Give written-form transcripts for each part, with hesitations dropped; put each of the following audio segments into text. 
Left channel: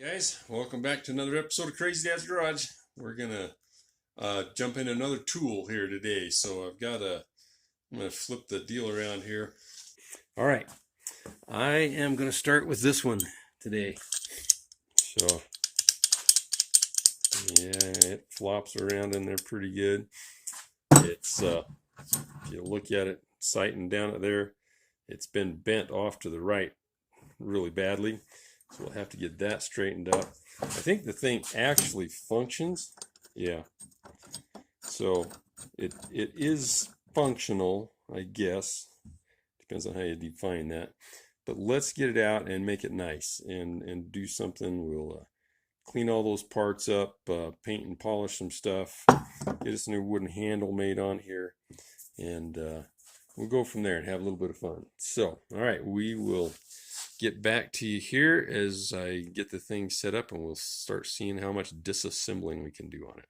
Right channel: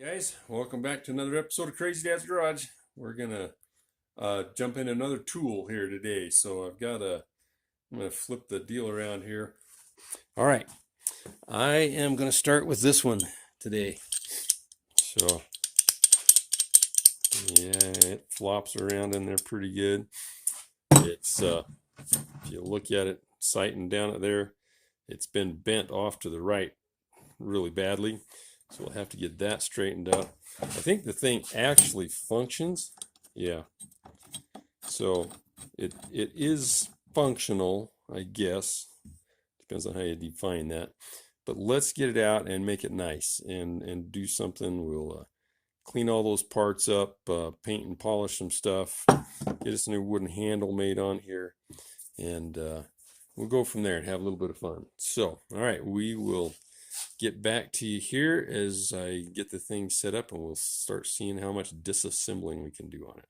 Guys, welcome back to another episode of Crazy Dad's Garage. We're gonna jump into another tool here today. So I'm gonna flip the deal around here. All right, I am gonna start with this one today. So yeah, it flops around in there pretty good. It's if you look at it, sighting down at there, it's been bent off to the right really badly. So we'll have to get that straightened up. I think the thing actually functions. Yeah. So it is functional, I guess. Depends on how you define that. But let's get it out and make it nice and do something. We'll clean all those parts up, paint and polish some stuff, get us a new wooden handle made on here, and we'll go from there and have a little bit of fun. So, all right, we will get back to you here as I get the thing set up, and we'll start seeing how much disassembling we can do on it.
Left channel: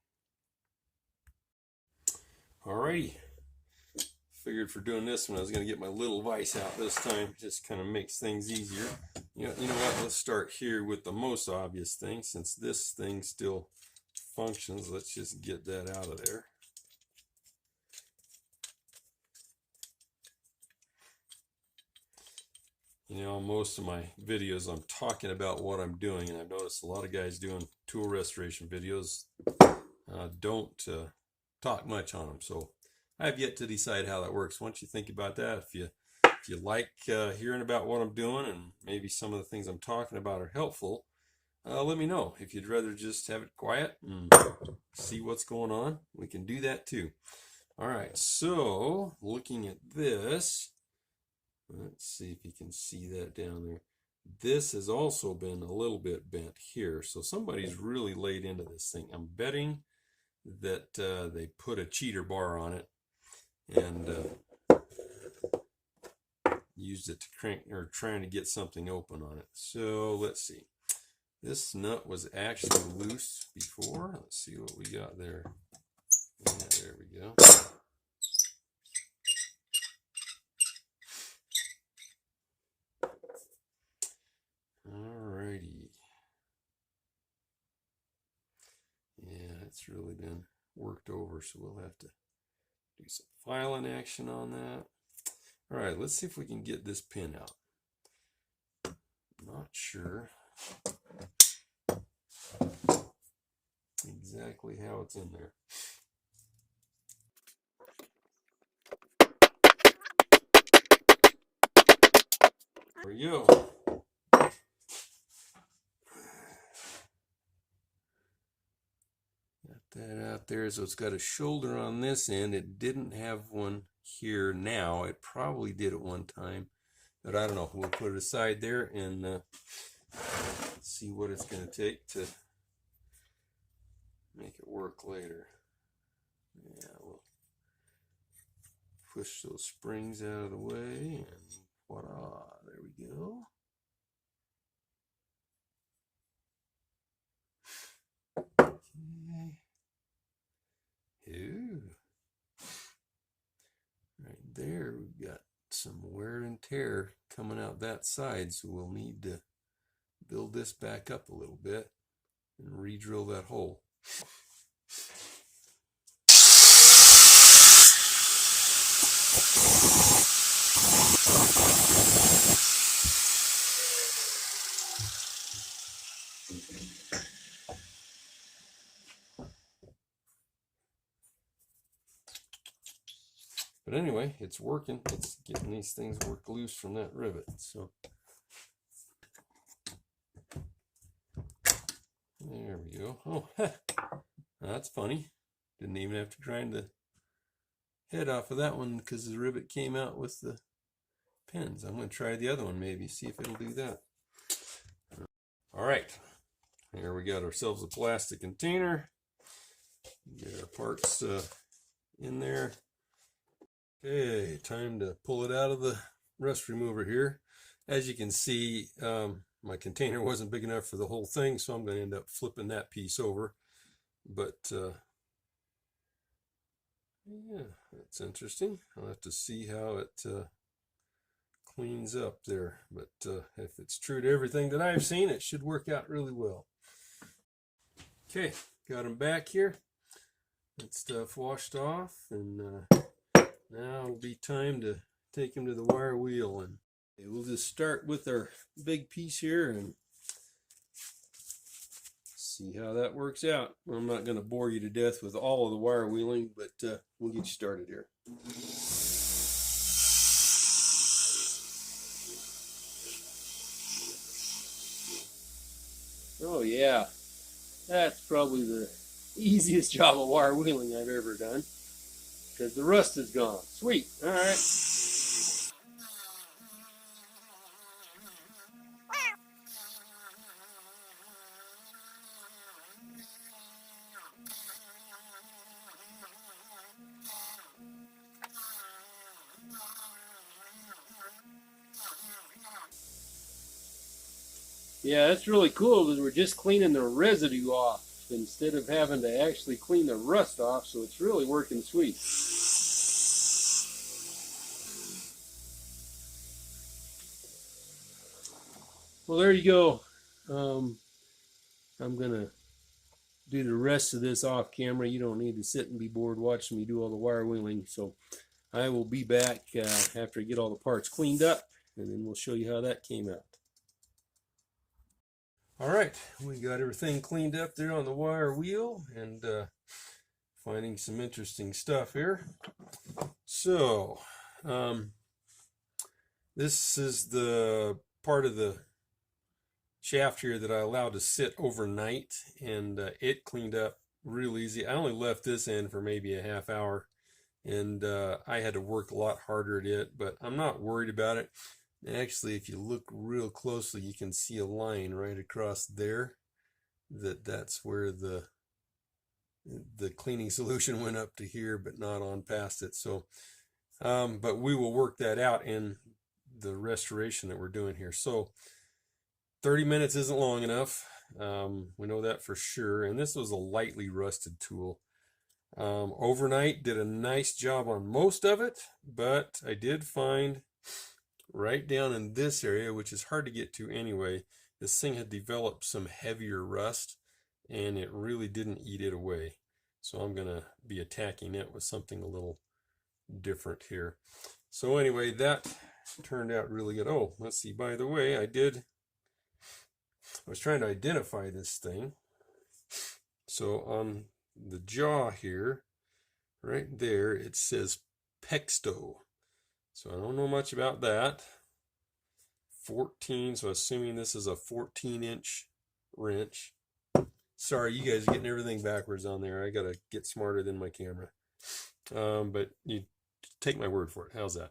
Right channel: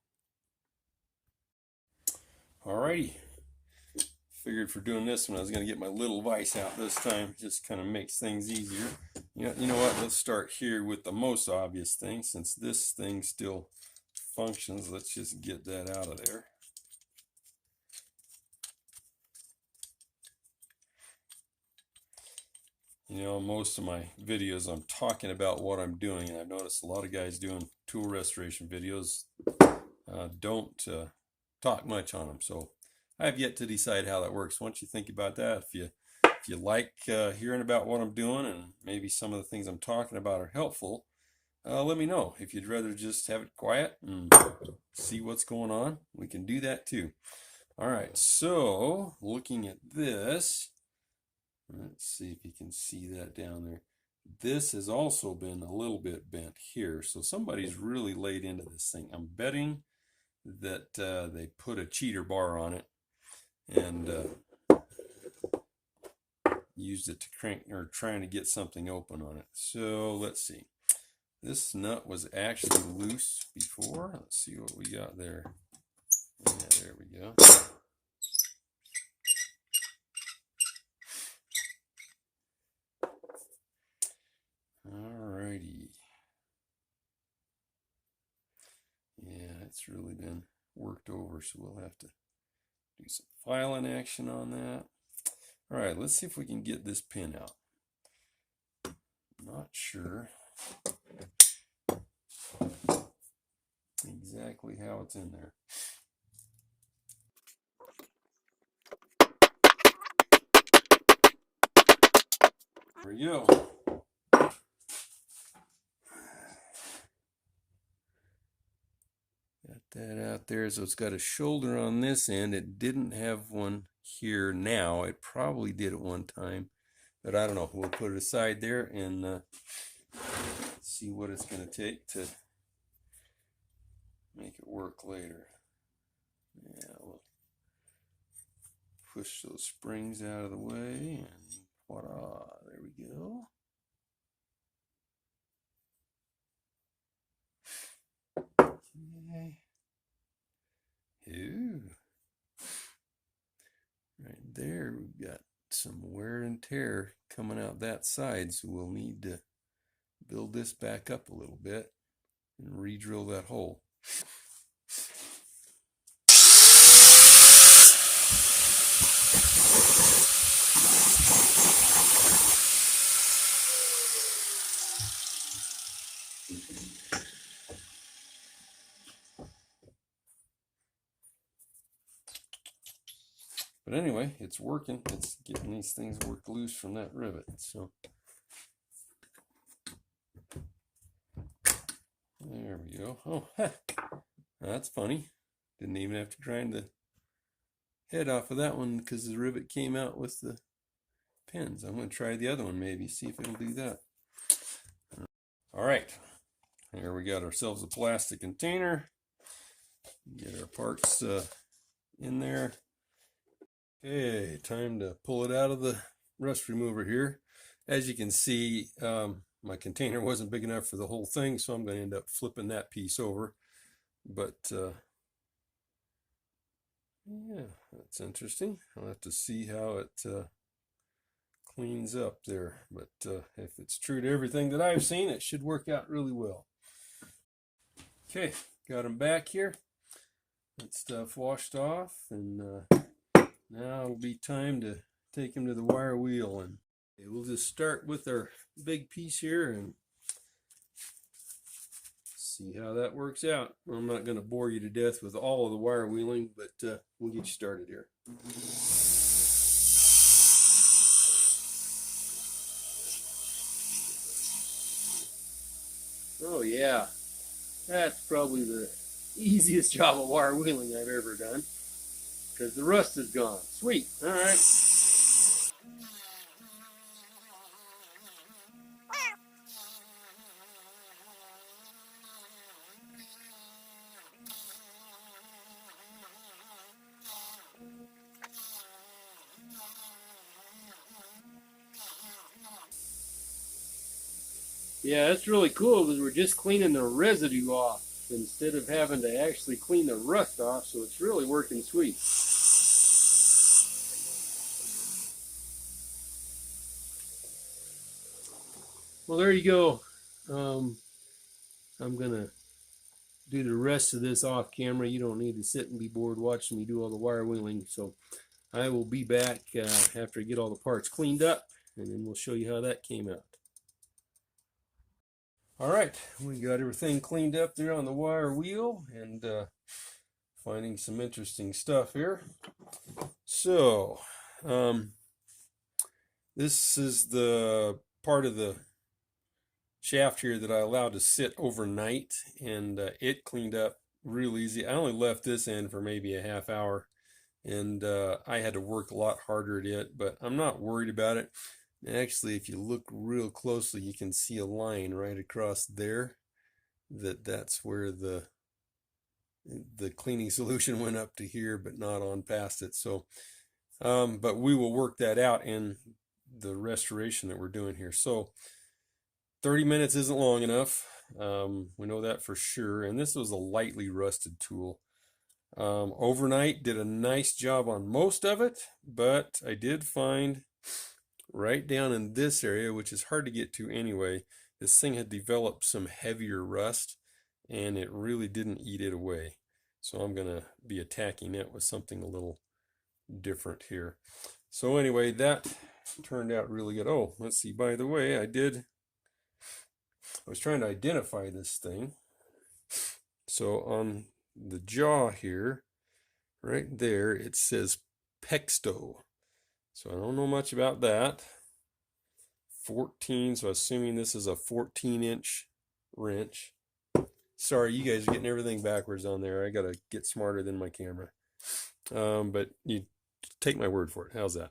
Alrighty, figured for doing this one I was going to get my little vise out this time. Just kind of makes things easier. You know what, let's start here with the most obvious thing. Since this thing still functions, let's just get that out of there. You know, most of my videos I'm talking about what I'm doing, and I've noticed a lot of guys doing tool restoration videos don't talk much on them. So I have yet to decide how that works. Once you think about that, if you like hearing about what I'm doing and maybe some of the things I'm talking about are helpful, let me know. If you'd rather just have it quiet and see what's going on, we can do that too. All right, so looking at this, let's see if you can see that down there. This has also been a little bit bent here. So somebody's really laid into this thing. I'm betting that they put a cheater bar on it and used it to crank, or trying to get something open on it. So let's see. This nut was actually loose before. Let's see what we got there. Yeah, there we go. Alrighty. Yeah, it's really been worked over, so we'll have to do some filing action on that. Alright, let's see if we can get this pin out. Not sure exactly how it's in there. There we go. Got that out there. So it's got a shoulder on this end. It didn't have one here now. It probably did at one time, but I don't know. We'll put it aside there and see what it's going to take to make it work later. Yeah, we'll push those springs out of the way and voila, there we go. Okay. Ooh. Right there, we've got some wear and tear coming out that side, so we'll need to build this back up a little bit and re-drill that hole. But anyway, it's working. It's getting these things worked loose from that rivet. So there we go. Oh, that's funny. Didn't even have to grind the head off of that one because the rivet came out with the pins. I'm going to try the other one maybe, see if it'll do that. All right. Here we got ourselves a plastic container. Get our parts in there. Okay, time to pull it out of the rust remover here. As you can see, my container wasn't big enough for the whole thing, so I'm going to end up flipping that piece over. But yeah, that's interesting. I'll have to see how it cleans up there. But if it's true to everything that I've seen, it should work out really well. Okay, got them back here. That stuff washed off, and now it'll be time to take him to the wire wheel. And we'll just start with our big piece here and see how that works out. I'm not going to bore you to death with all of the wire wheeling, but we'll get you started here. Oh yeah, that's probably the easiest job of wire wheeling I've ever done, because the rust is gone. Sweet. All right. Yeah, that's really cool because we're just cleaning the residue off instead of having to actually clean the rust off, so it's really working sweet. Well, there you go. I'm going to do the rest of this off camera. You don't need to sit and be bored watching me do all the wire wheeling. So I will be back after I get all the parts cleaned up, and then we'll show you how that came out. All right, we got everything cleaned up there on the wire wheel, and finding some interesting stuff here. So this is the part of the shaft here that I allowed to sit overnight, and it cleaned up real easy. I only left this in for maybe a half hour, and I had to work a lot harder at it, but I'm not worried about it. Actually, if you look real closely, you can see a line right across there. That's where the cleaning solution went up to here, but not on past it. So, but we will work that out in the restoration that we're doing here. So 30 minutes isn't long enough. We know that for sure. And this was a lightly rusted tool. Overnight did a nice job on most of it, but I did find right down in this area, which is hard to get to anyway, this thing had developed some heavier rust, and it really didn't eat it away. So I'm going to be attacking it with something a little different here. So anyway, that turned out really good. Oh, let's see, by the way, I was trying to identify this thing. So on the jaw here, right there, it says Pexto. So I don't know much about that. 14, so assuming this is a 14-inch wrench. Sorry, you guys are getting everything backwards on there. I gotta get smarter than my camera. But you take my word for it. How's that?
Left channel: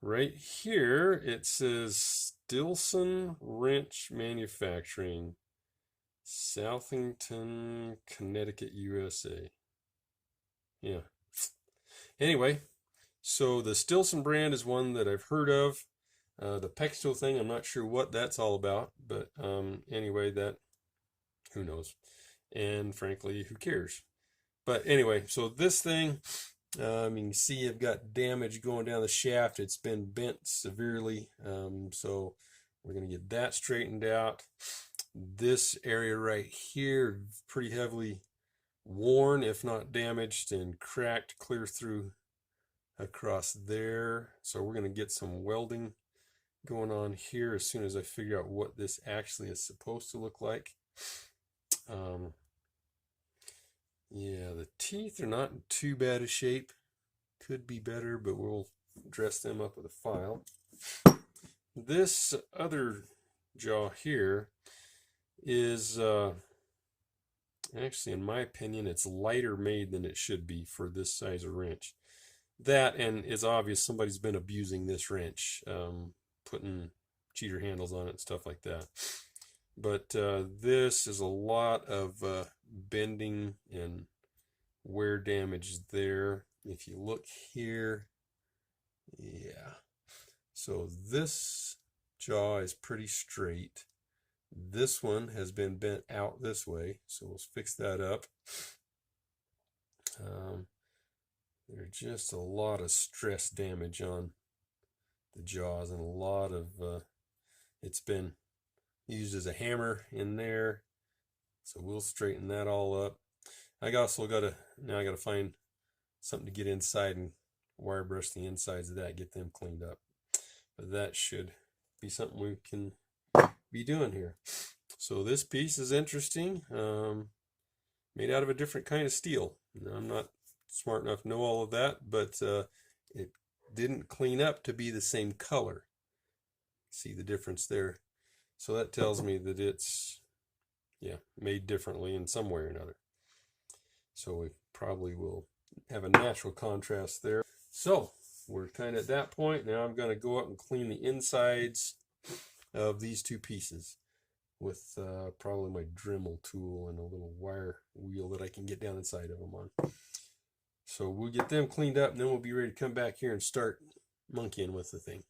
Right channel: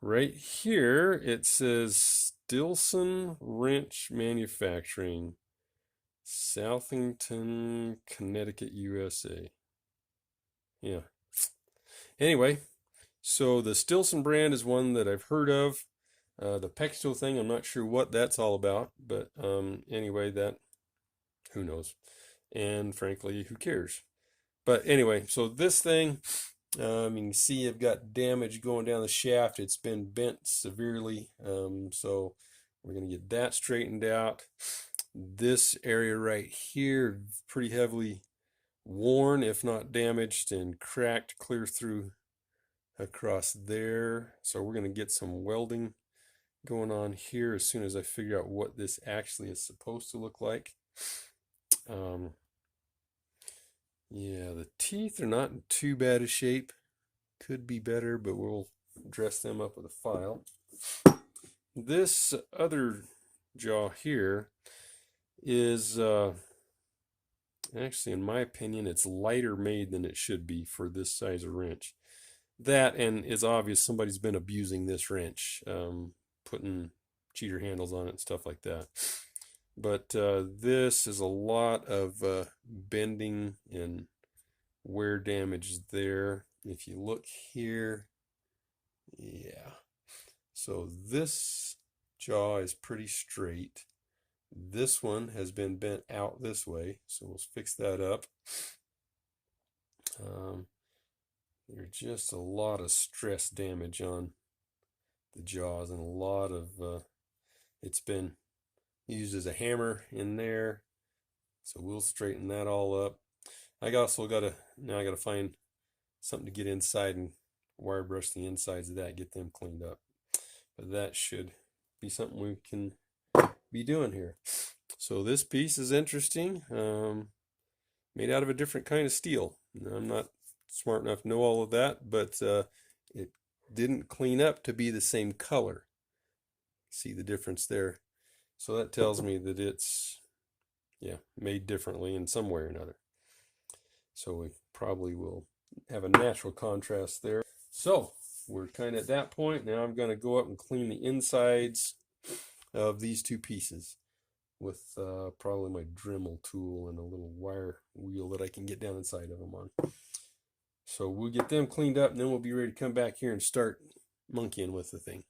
Right here, it says Stilson Wrench Manufacturing, Southington, Connecticut, USA. Yeah. Anyway, so the Stilson brand is one that I've heard of. The Pexto thing, I'm not sure what that's all about, but anyway, that, who knows? And frankly, who cares? But anyway, so this thing, you can see I've got damage going down the shaft. It's been bent severely, so we're going to get that straightened out. This area right here, pretty heavily worn, if not damaged, and cracked clear through across there. So we're going to get some welding going on here as soon as I figure out what this actually is supposed to look like. Yeah, the teeth are not in too bad a shape. Could be better, but we'll dress them up with a file. This other jaw here is actually, in my opinion, it's lighter made than it should be for this size of wrench. That, and it's obvious somebody's been abusing this wrench, putting cheater handles on it and stuff like that. But this is a lot of bending and wear damage there. If you look here, yeah. So this jaw is pretty straight. This one has been bent out this way, so we'll fix that up. There's just a lot of stress damage on the jaws, and a lot of it's been used as a hammer in there. So we'll straighten that all up. I also gotta find something to get inside and wire brush the insides of that, get them cleaned up. But that should be something we can be doing here. So this piece is interesting. Made out of a different kind of steel. Now, I'm not smart enough to know all of that, but it didn't clean up to be the same color. See the difference there? So that tells me that it's, yeah, made differently in some way or another. So we probably will have a natural contrast there. So we're kind of at that point. Now I'm going to go up and clean the insides of these two pieces with probably my Dremel tool and a little wire wheel that I can get down inside of them on. So we'll get them cleaned up, and then we'll be ready to come back here and start monkeying with the thing.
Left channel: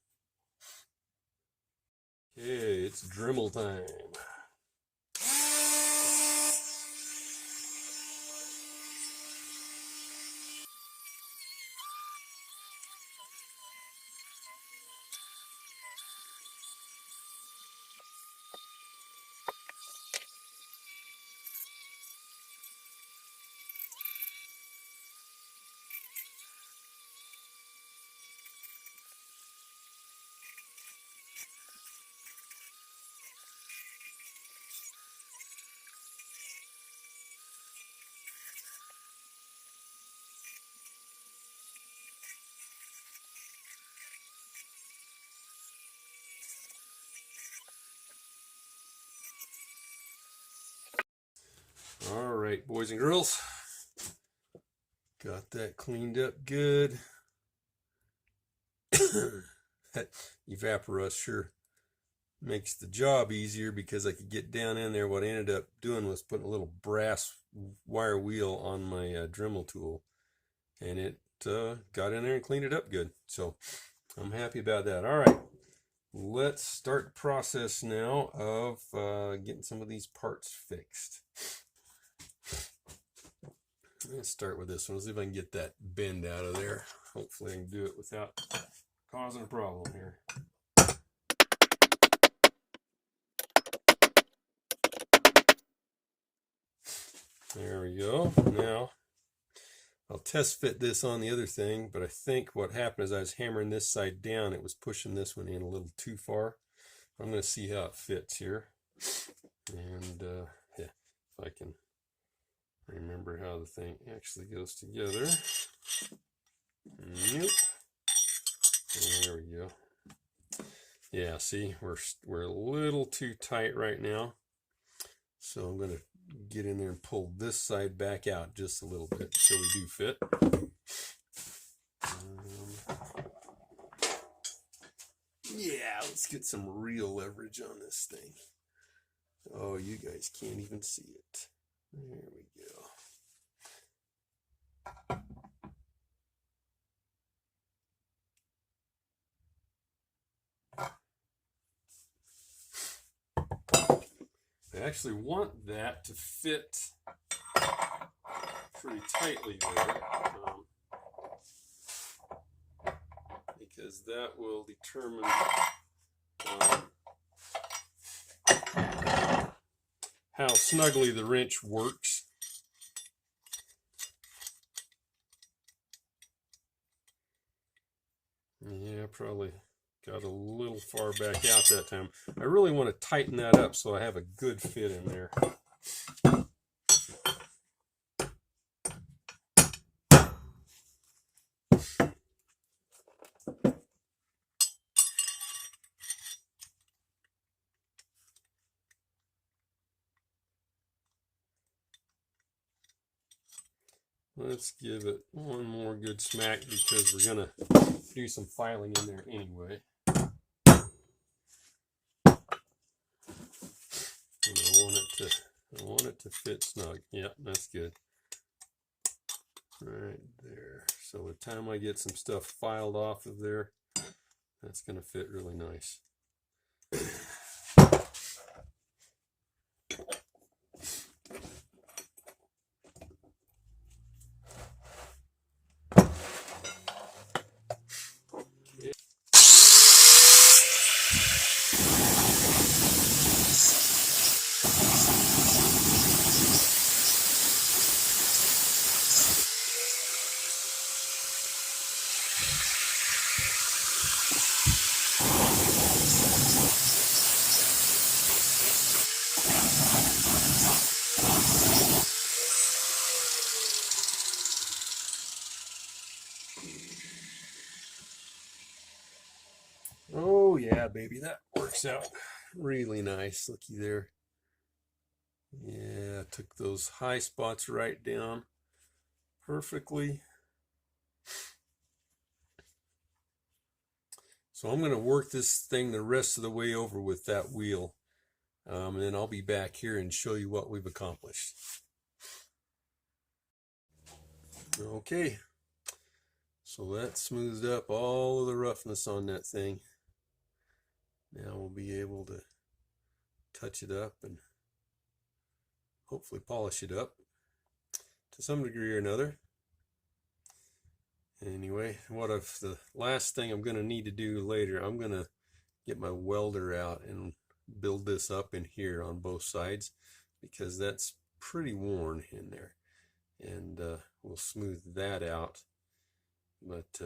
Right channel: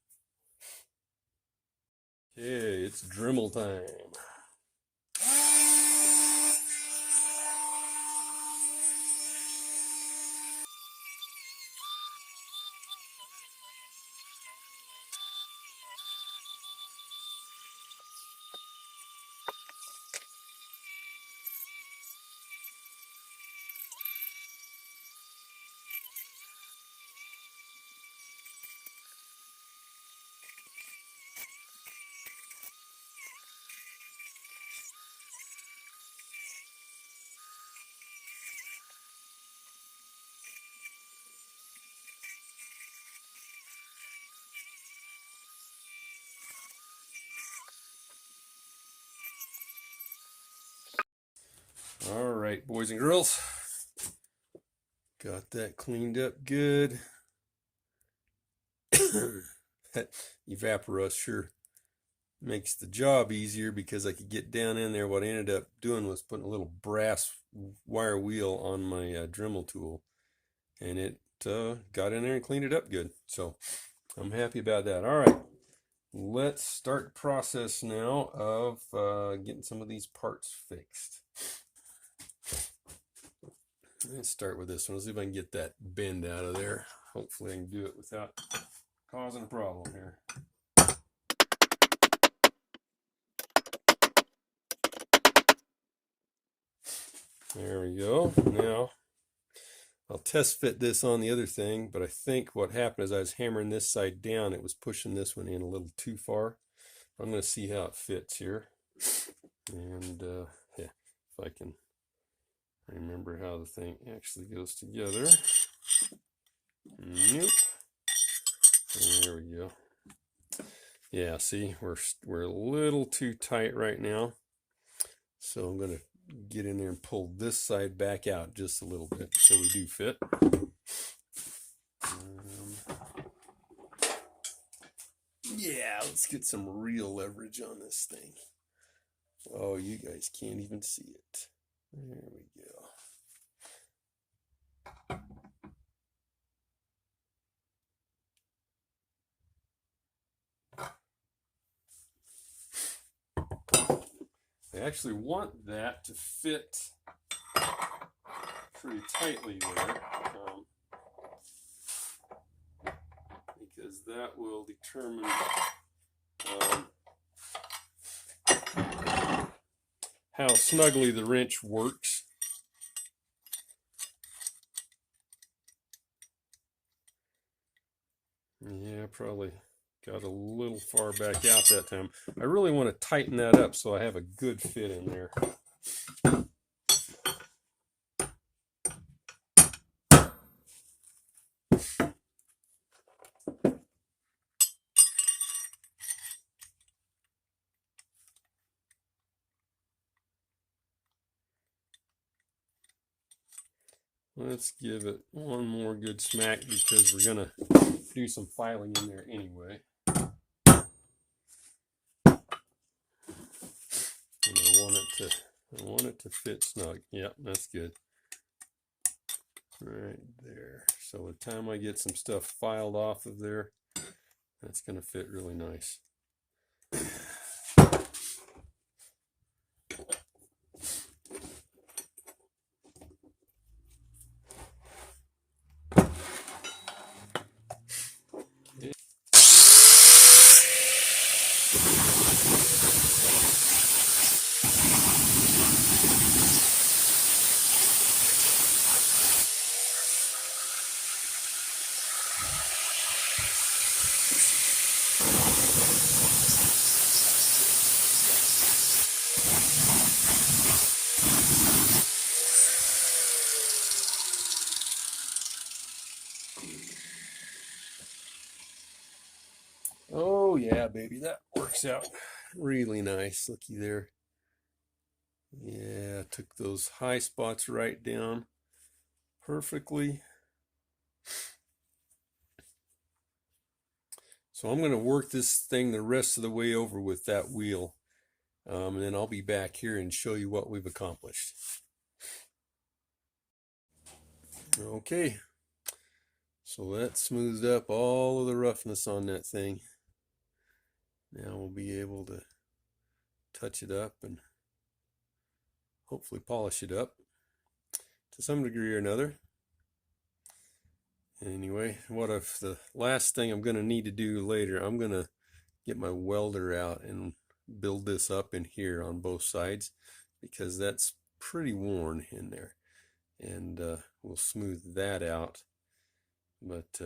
Okay, it's Dremel time. All right, boys and girls, got that cleaned up good. That evaporous sure makes the job easier because I could get down in there. What I ended up doing was putting a little brass wire wheel on my Dremel tool, and it got in there and cleaned it up good. So I'm happy about that. All right, let's start the process now of getting some of these parts fixed. Let's start with this one. Let's see if I can get that bend out of there. Hopefully I can do it without causing a problem here. There we go. Now I'll test fit this on the other thing, but I think what happened is I was hammering this side down. It was pushing this one in a little too far. I'm going to see how it fits here. And yeah, if I can remember how the thing actually goes together. Yep. There we go. Yeah, see, we're a little too tight right now. So I'm going to get in there and pull this side back out just a little bit so we do fit. Yeah, let's get some real leverage on this thing. Oh, you guys can't even see it. There we go. I actually want that to fit pretty tightly there, because that will determine how snugly the wrench works. Yeah, probably got a little far back out that time. I really want to tighten that up so I have a good fit in there. Let's give it one more good smack because we're going to do some filing in there anyway. And I want it to fit snug. Yeah, that's good. Right there. So by the time I get some stuff filed off of there, that's going to fit really nice. Yeah, baby, that works out really nice. Looky there. Yeah, took those high spots right down perfectly. So I'm going to work this thing the rest of the way over with that wheel. And then I'll be back here and show you what we've accomplished. Okay, so that smoothed up all of the roughness on that thing. Now we'll be able to touch it up and hopefully polish it up to some degree or another. Anyway, the last thing I'm going to need to do later, I'm going to get my welder out and build this up in here on both sides, because that's pretty worn in there, and we'll smooth that out. But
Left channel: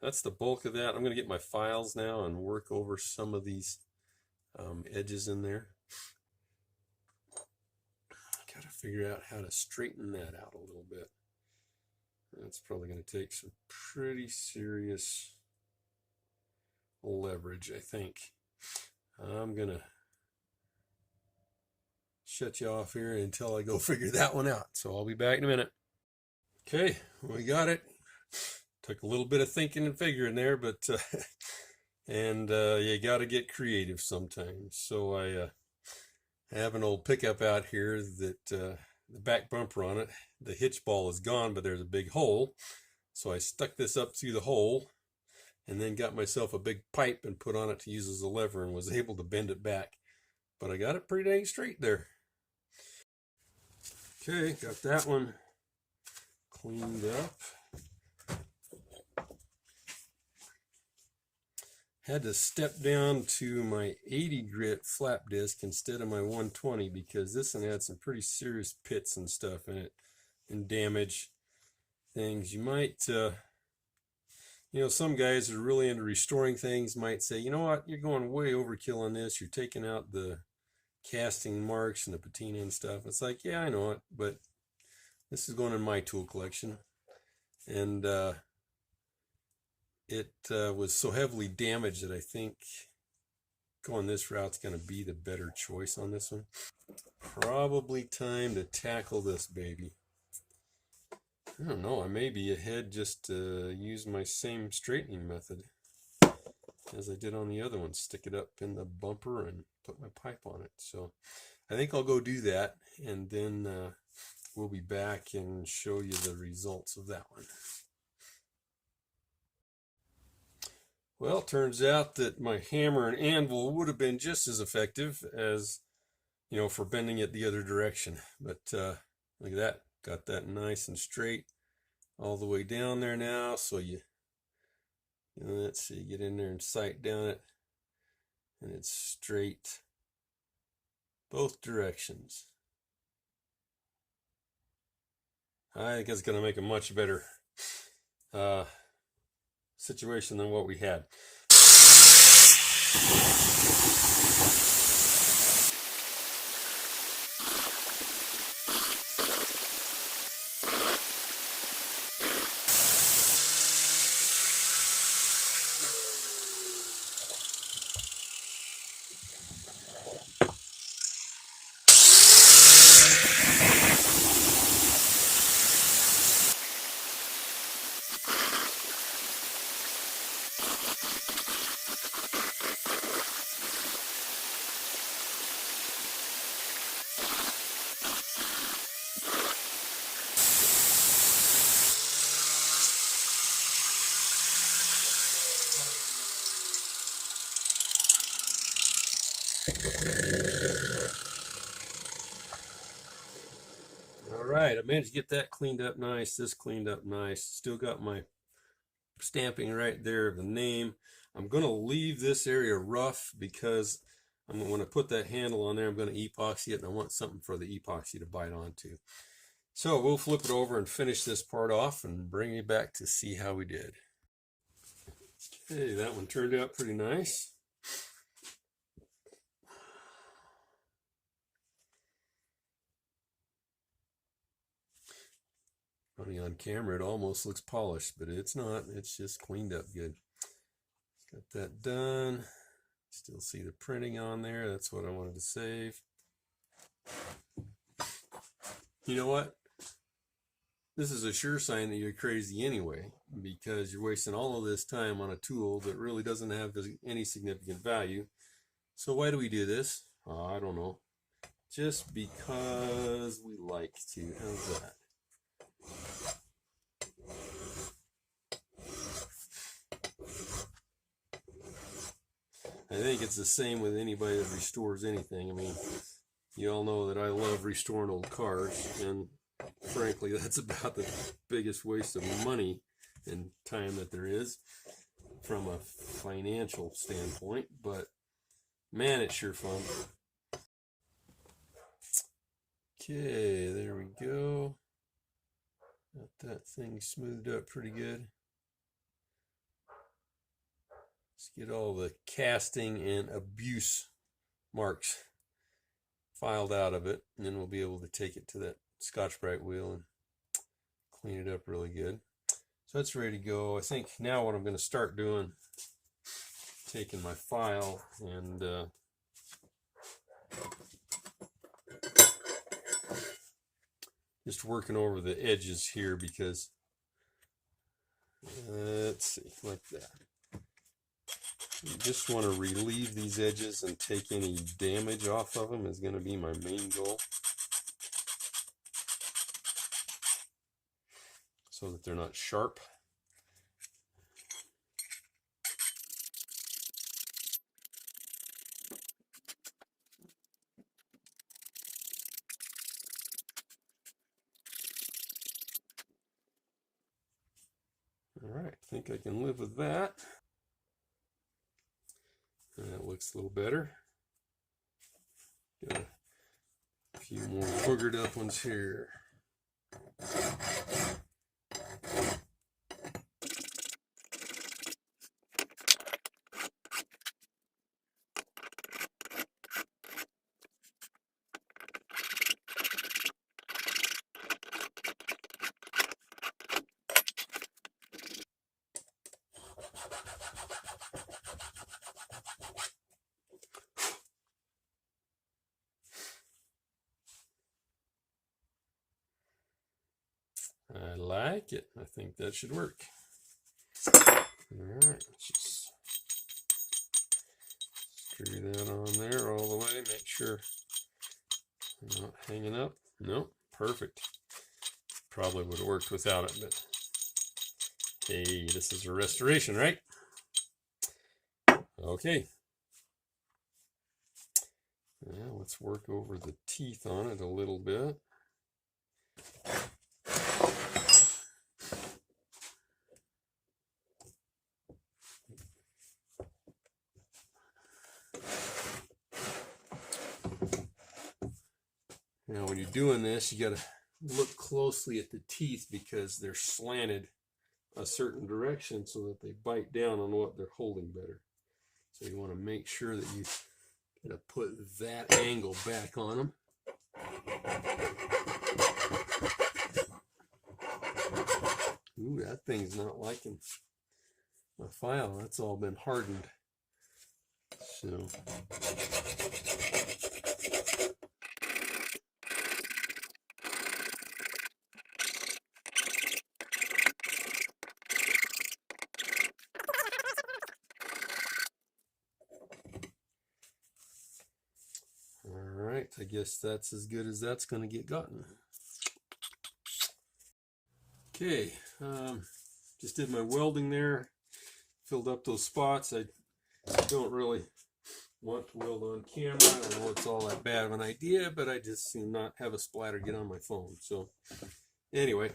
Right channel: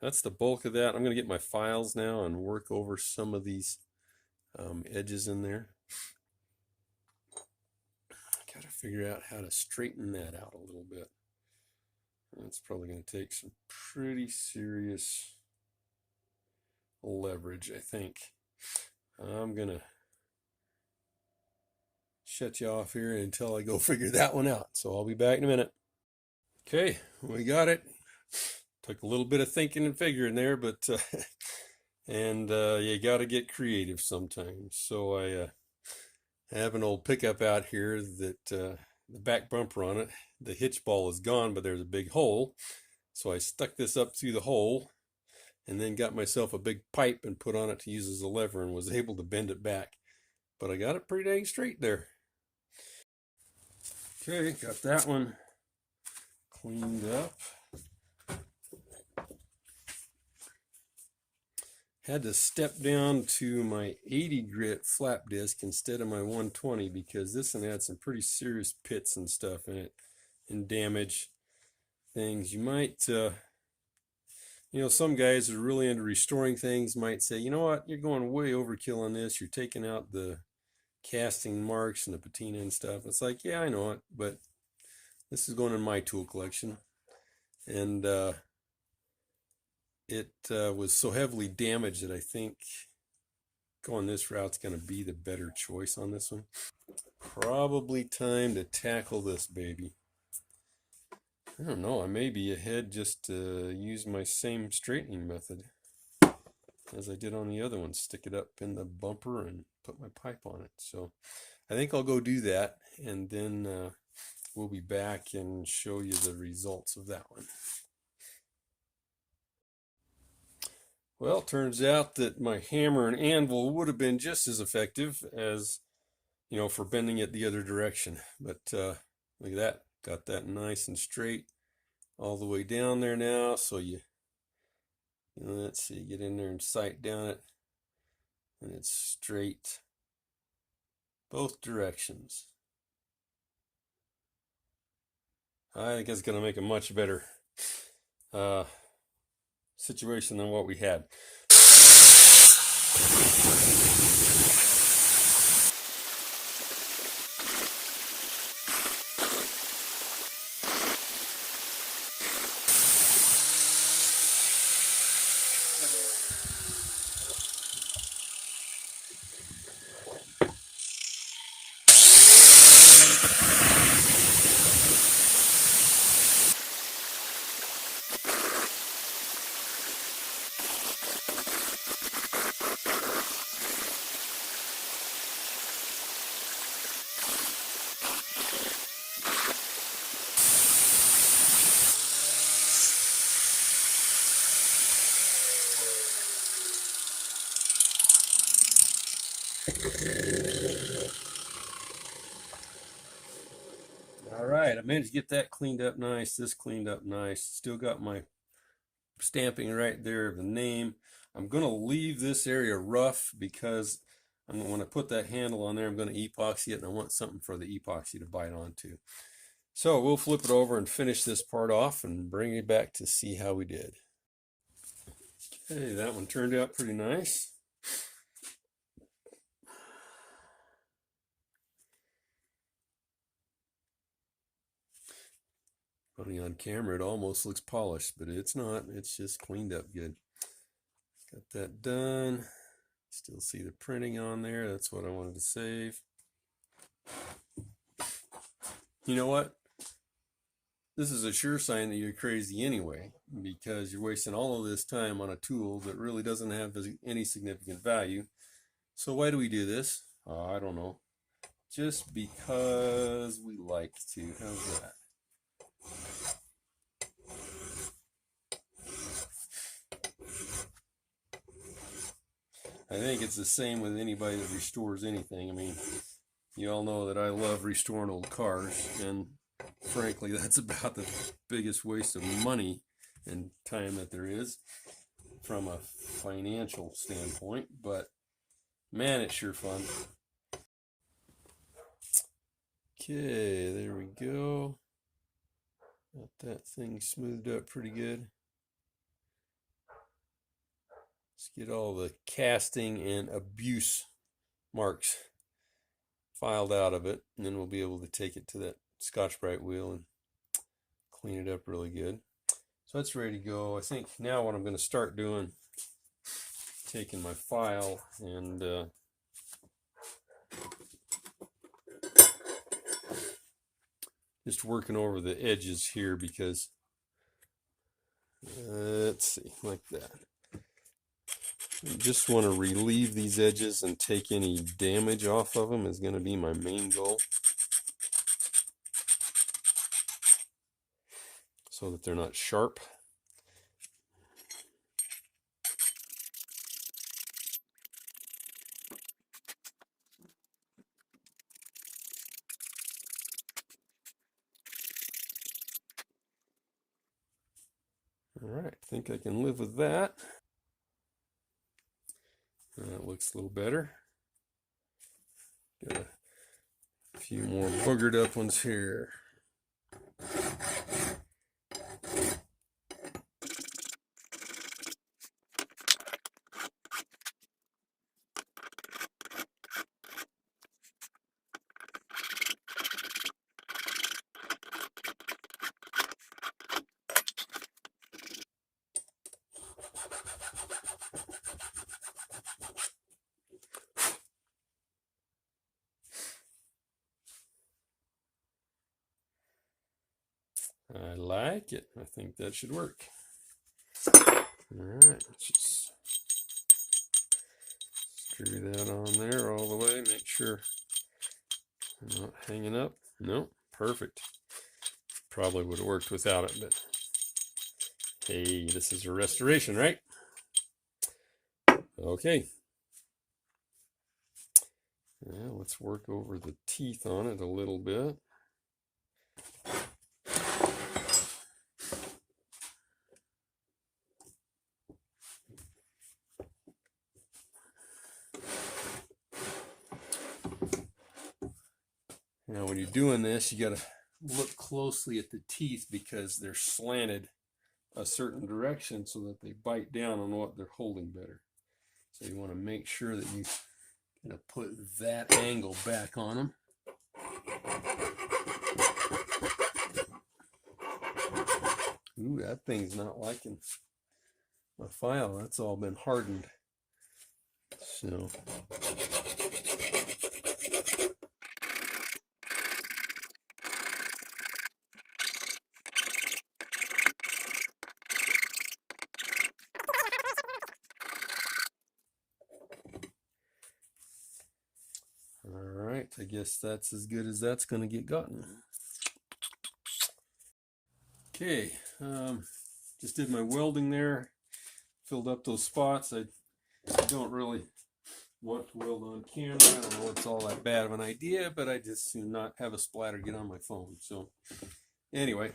that's the bulk of that. I'm going to get my files now and work over some of these edges in there. Got to figure out how to straighten that out a little bit. It's probably going to take some pretty serious leverage, I think. I'm going to shut you off here until I go figure that one out. So I'll be back in a minute. Okay, we got it. Took a little bit of thinking and figuring there, but and you got to get creative sometimes. So I have an old pickup out here that the back bumper on it, the hitch ball is gone, but there's a big hole. So I stuck this up through the hole and then got myself a big pipe and put on it to use as a lever, and was able to bend it back. But I got it pretty dang straight there. Okay, got that one cleaned up. Had to step down to my 80 grit flap disc instead of my 120, because this one had some pretty serious pits and stuff in it and damage things. You might, some guys that are really into restoring things might say, you know what, you're going way overkill on this. You're taking out the casting marks and the patina and stuff. It's like, yeah, I know it, but this is going in my tool collection. And it was so heavily damaged that I think going this route's going to be the better choice on this one. Probably time to tackle this baby. I don't know, I may be ahead just to use my same straightening method as I did on the other one. Stick it up in the bumper and put my pipe on it. So I think I'll go do that, and then we'll be back and show you the results of that one. Well, it turns out that my hammer and anvil would have been just as effective as, for bending it the other direction. But look at that. Got that nice and straight all the way down there now. So let's see, get in there and sight down it, and it's straight both directions. I think it's going to make a much better situation than what we had. All right, I managed to get that cleaned up nice, this cleaned up nice. Still got my stamping right there of the name. I'm going to leave this area rough because when I put that handle on there, I'm going to epoxy it, and I want something for the epoxy to bite onto. So we'll flip it over and finish this part off and bring you back to see how we did. Okay, that one turned out pretty nice. Funny, on camera it almost looks polished, but it's not. It's just cleaned up good. Got that done. Still see the printing on there. That's what I wanted to save. You know what? This is a sure sign that you're crazy anyway, because you're wasting all of this time on a tool that really doesn't have any significant value. So why do we do this? Oh, I don't know. Just because we like to. How's that? I think it's the same with anybody that restores anything. I mean, you all know that I love restoring old cars, and frankly, that's about the biggest waste of money and time that there is from a financial standpoint, but man, it's sure fun. Okay, there we go. Got that thing smoothed up pretty good. Let's get all the casting and abuse marks filed out of it, and then we'll be able to take it to that Scotch-Brite wheel and clean it up really good. So that's ready to go. I think now what I'm going to start doing, taking my file and just working over the edges here, because let's see, like that. You just want to relieve these edges and take any damage off of them is going to be my main goal, so that they're not sharp. All right, I think I can live with that. That looks a little better. Got a few more boogered up ones here. I like it. I think that should work. All right, just screw that on there all the way. Make sure I'm not hanging up. No, perfect. Probably would have worked without it, but hey, this is a restoration, right? Okay. Now let's work over the teeth on it a little bit. Now when you're doing this, you got to look closely at the teeth, because they're slanted a certain direction so that they bite down on what they're holding better. So you want to make sure that you kind of put that angle back on them. Ooh, that thing's not liking my file. That's all been hardened. So alright, I guess that's as good as that's going to get gotten. Okay, just did my welding there, filled up those spots. I don't really want to weld on camera. I don't know it's all that bad of an idea, but I just soon not have a splatter get on my phone. So anyway,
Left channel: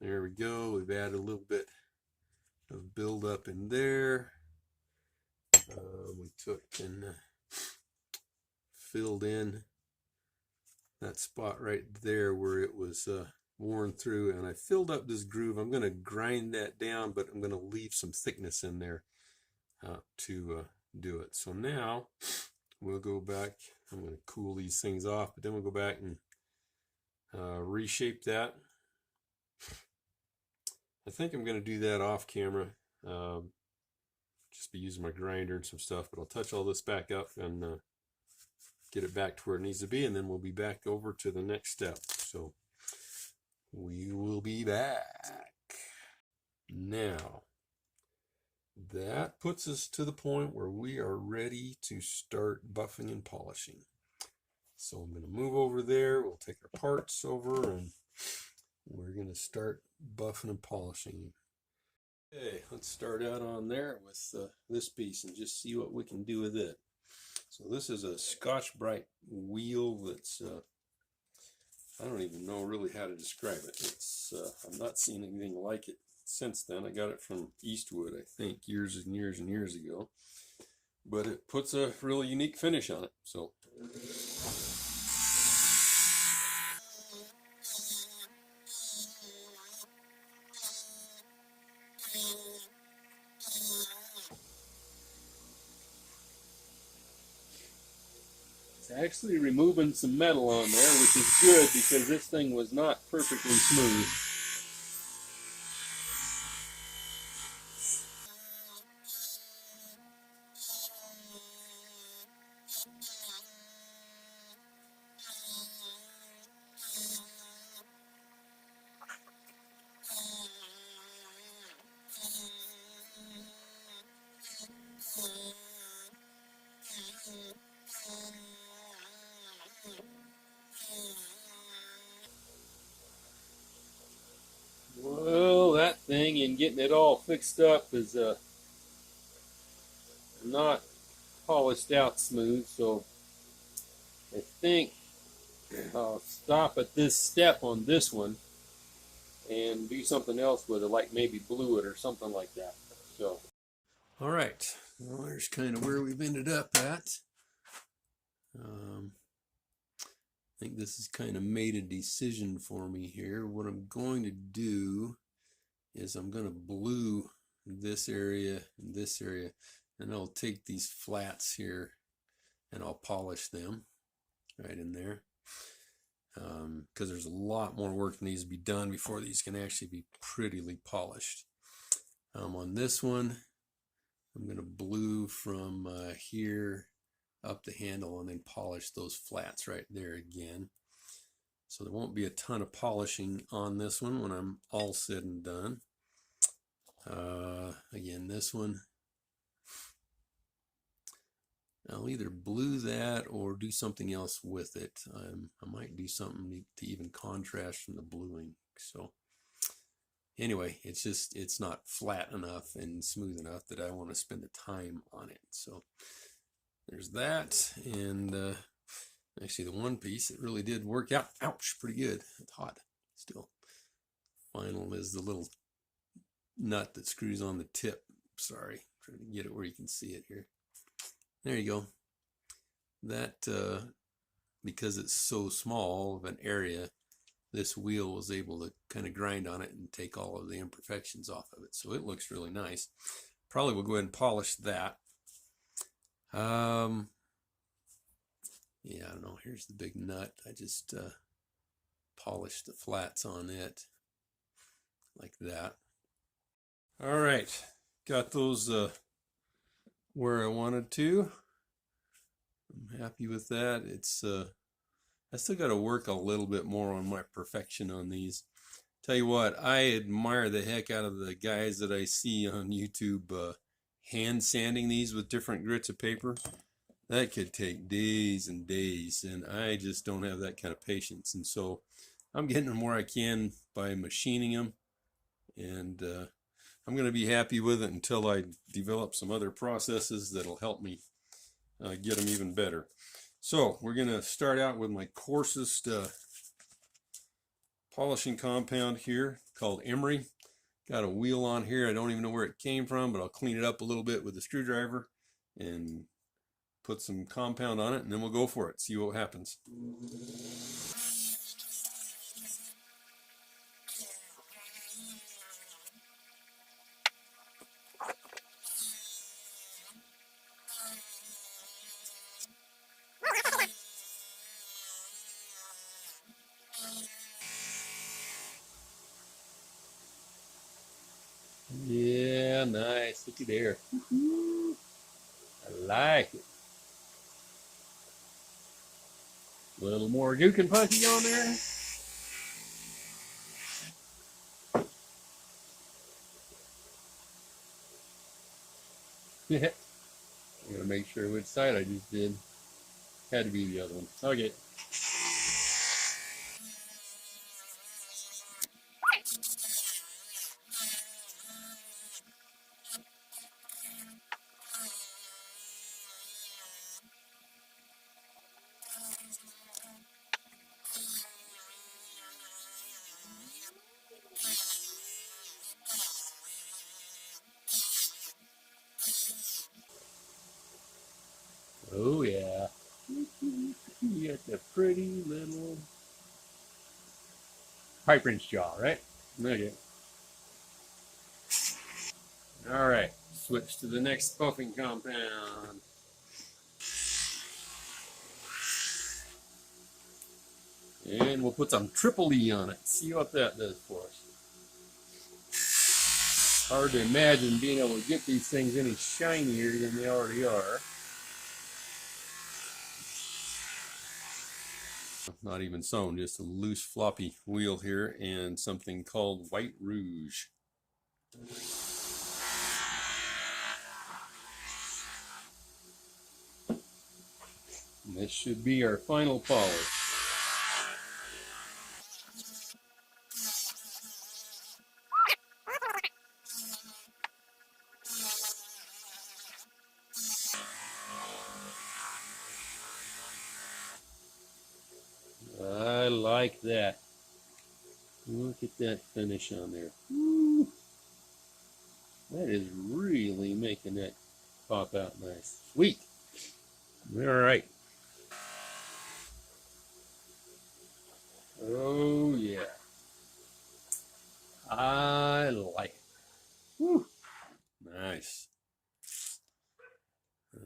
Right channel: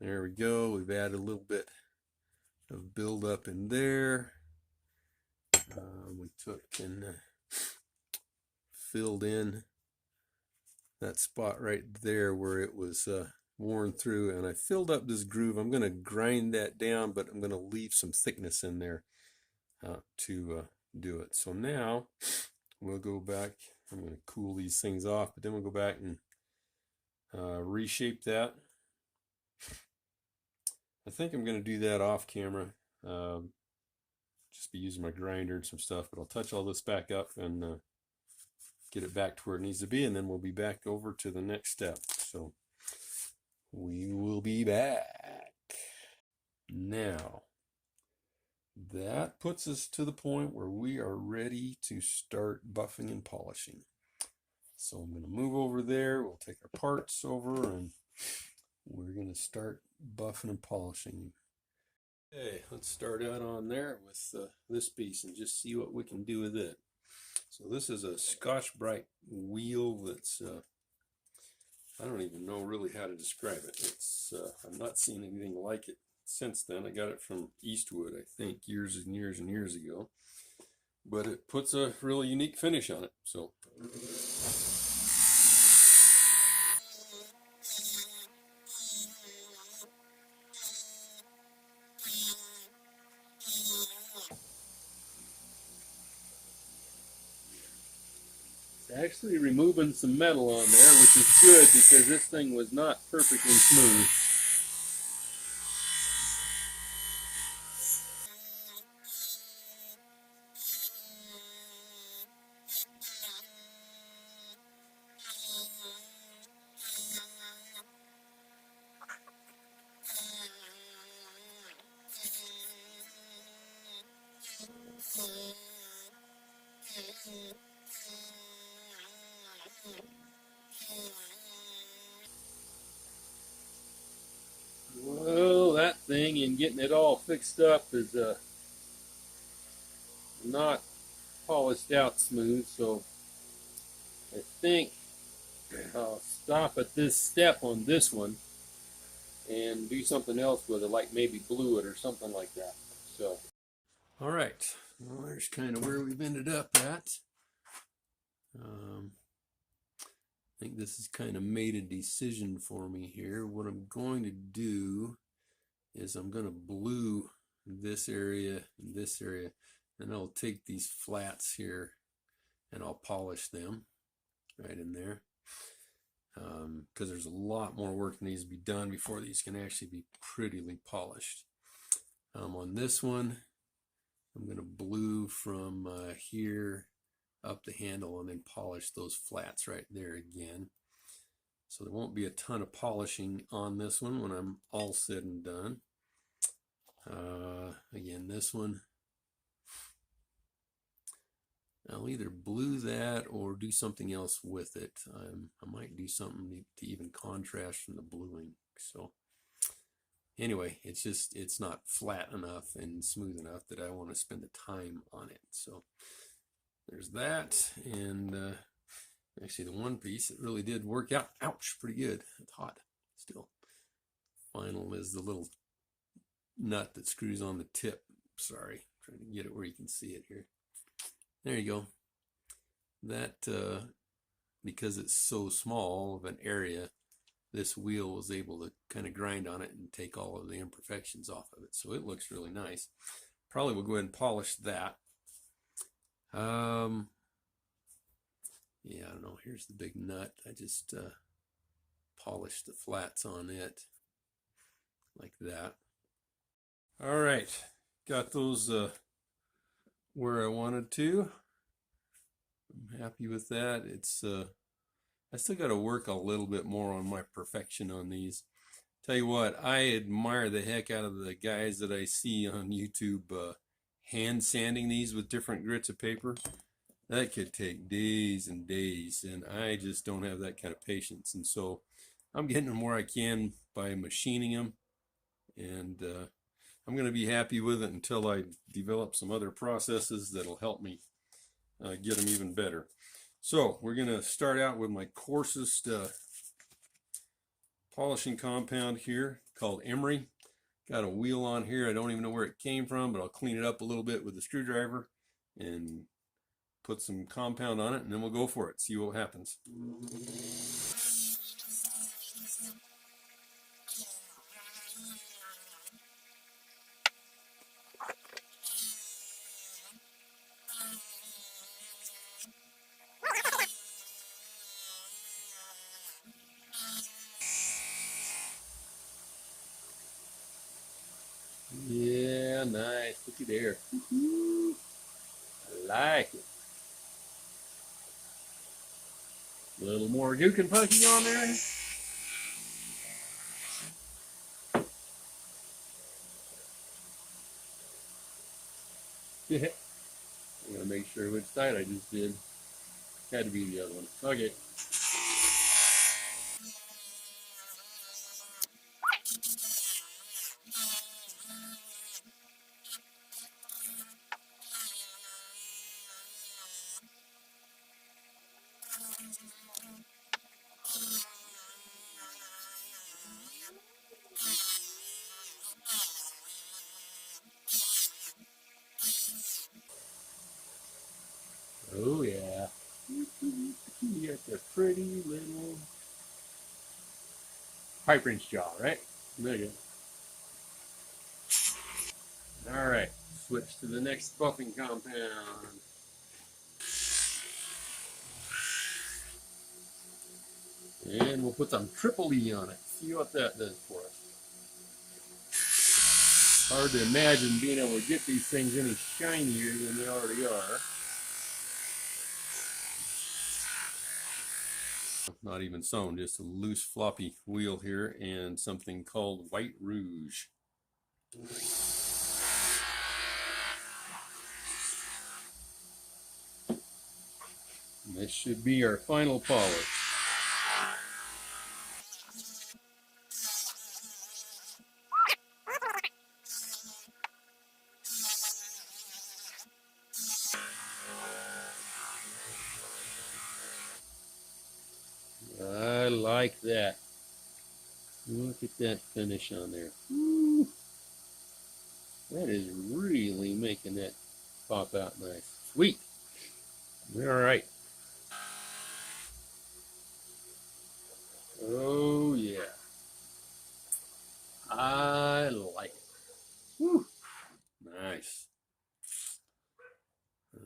there we go. We've added a little bit of build up in there. We took and filled in that spot right there where it was worn through, and I filled up this groove. I'm going to grind that down, but I'm going to leave some thickness in there to do it. So now we'll go back. I'm going to cool these things off, but then we'll go back and reshape that. I think I'm going to do that off camera, just be using my grinder and some stuff, but I'll touch all this back up and get it back to where it needs to be, and then we'll be back over to the next step. So we will be back. Now, that puts us to the point where we are ready to start buffing and polishing. So I'm going to move over there. We'll take our parts over and we're going to start buffing and polishing. Okay, let's start out on there with this piece and just see what we can do with it. So this is a Scotch-Brite wheel that's, I don't even know really how to describe it. It's I've not seen anything like it since then. I got it from Eastwood, I think, years and years and years ago. But it puts a really unique finish on it. So it's actually removing some metal on there, which is good because this thing was not perfectly smooth. Well, that thing and getting it all fixed up is not polished out smooth, so I think I'll stop at this step on this one and do something else with it, like maybe glue it or something like that. So, all right, well, there's kind of where we've ended up at. I think this has kind of made a decision for me here. What I'm going to do is I'm going to blue this area and this area, and I'll take these flats here and I'll polish them right in there, because there's a lot more work that needs to be done before these can actually be prettily polished. On this one, I'm going to blue from here up the handle and then polish those flats right there again. So there won't be a ton of polishing on this one when I'm all said and done. Again, this one, I'll either blue that or do something else with it. I might do something to even contrast from the bluing. So anyway, it's not flat enough and smooth enough that I want to spend the time on it. So there's that. And actually the one piece, it really did work out. Ouch, pretty good. It's hot still. Final is the little nut that screws on the tip. Sorry, trying to get it where you can see it here. There you go. That, because it's so small of an area, this wheel was able to kind of grind on it and take all of the imperfections off of it. So it looks really nice. Probably will go ahead and polish that. Yeah, I don't know. Here's the big nut. I just polished the flats on it like that. All right, got those where I wanted to. I'm happy with that. It's I still got to work a little bit more on my perfection on these. Tell you what, I admire the heck out of the guys that I see on YouTube hand sanding these with different grits of paper. That could take days and days, and I just don't have that kind of patience. And so I'm getting them where I can by machining them, and I'm going to be happy with it until I develop some other processes that'll help me get them even better. So we're going to start out with my coarsest polishing compound here called emery. Got a wheel on here. I don't even know where it came from, but I'll clean it up a little bit with a screwdriver and put some compound on it, and then we'll go for it, see what happens. Yeah, nice. Looky there. I like it. A little more Duke and Punky on there. Yeah. I'm gonna make sure which side I just did. Had to be the other one. Okay. Oh yeah. You got the pretty little pipe wrench jaw, right? Okay. All right. Switch to the next buffing compound. And we'll put some triple E on it. See what that does for us. Hard to imagine being able to get these things any shinier than they already are. Not even sewn, just a loose floppy wheel here and something called White Rouge. And this should be our final polish. I like that. Look at that finish on there. Woo. That is really making that pop out nice. Sweet. All right. Oh yeah. I like it. Woo. Nice.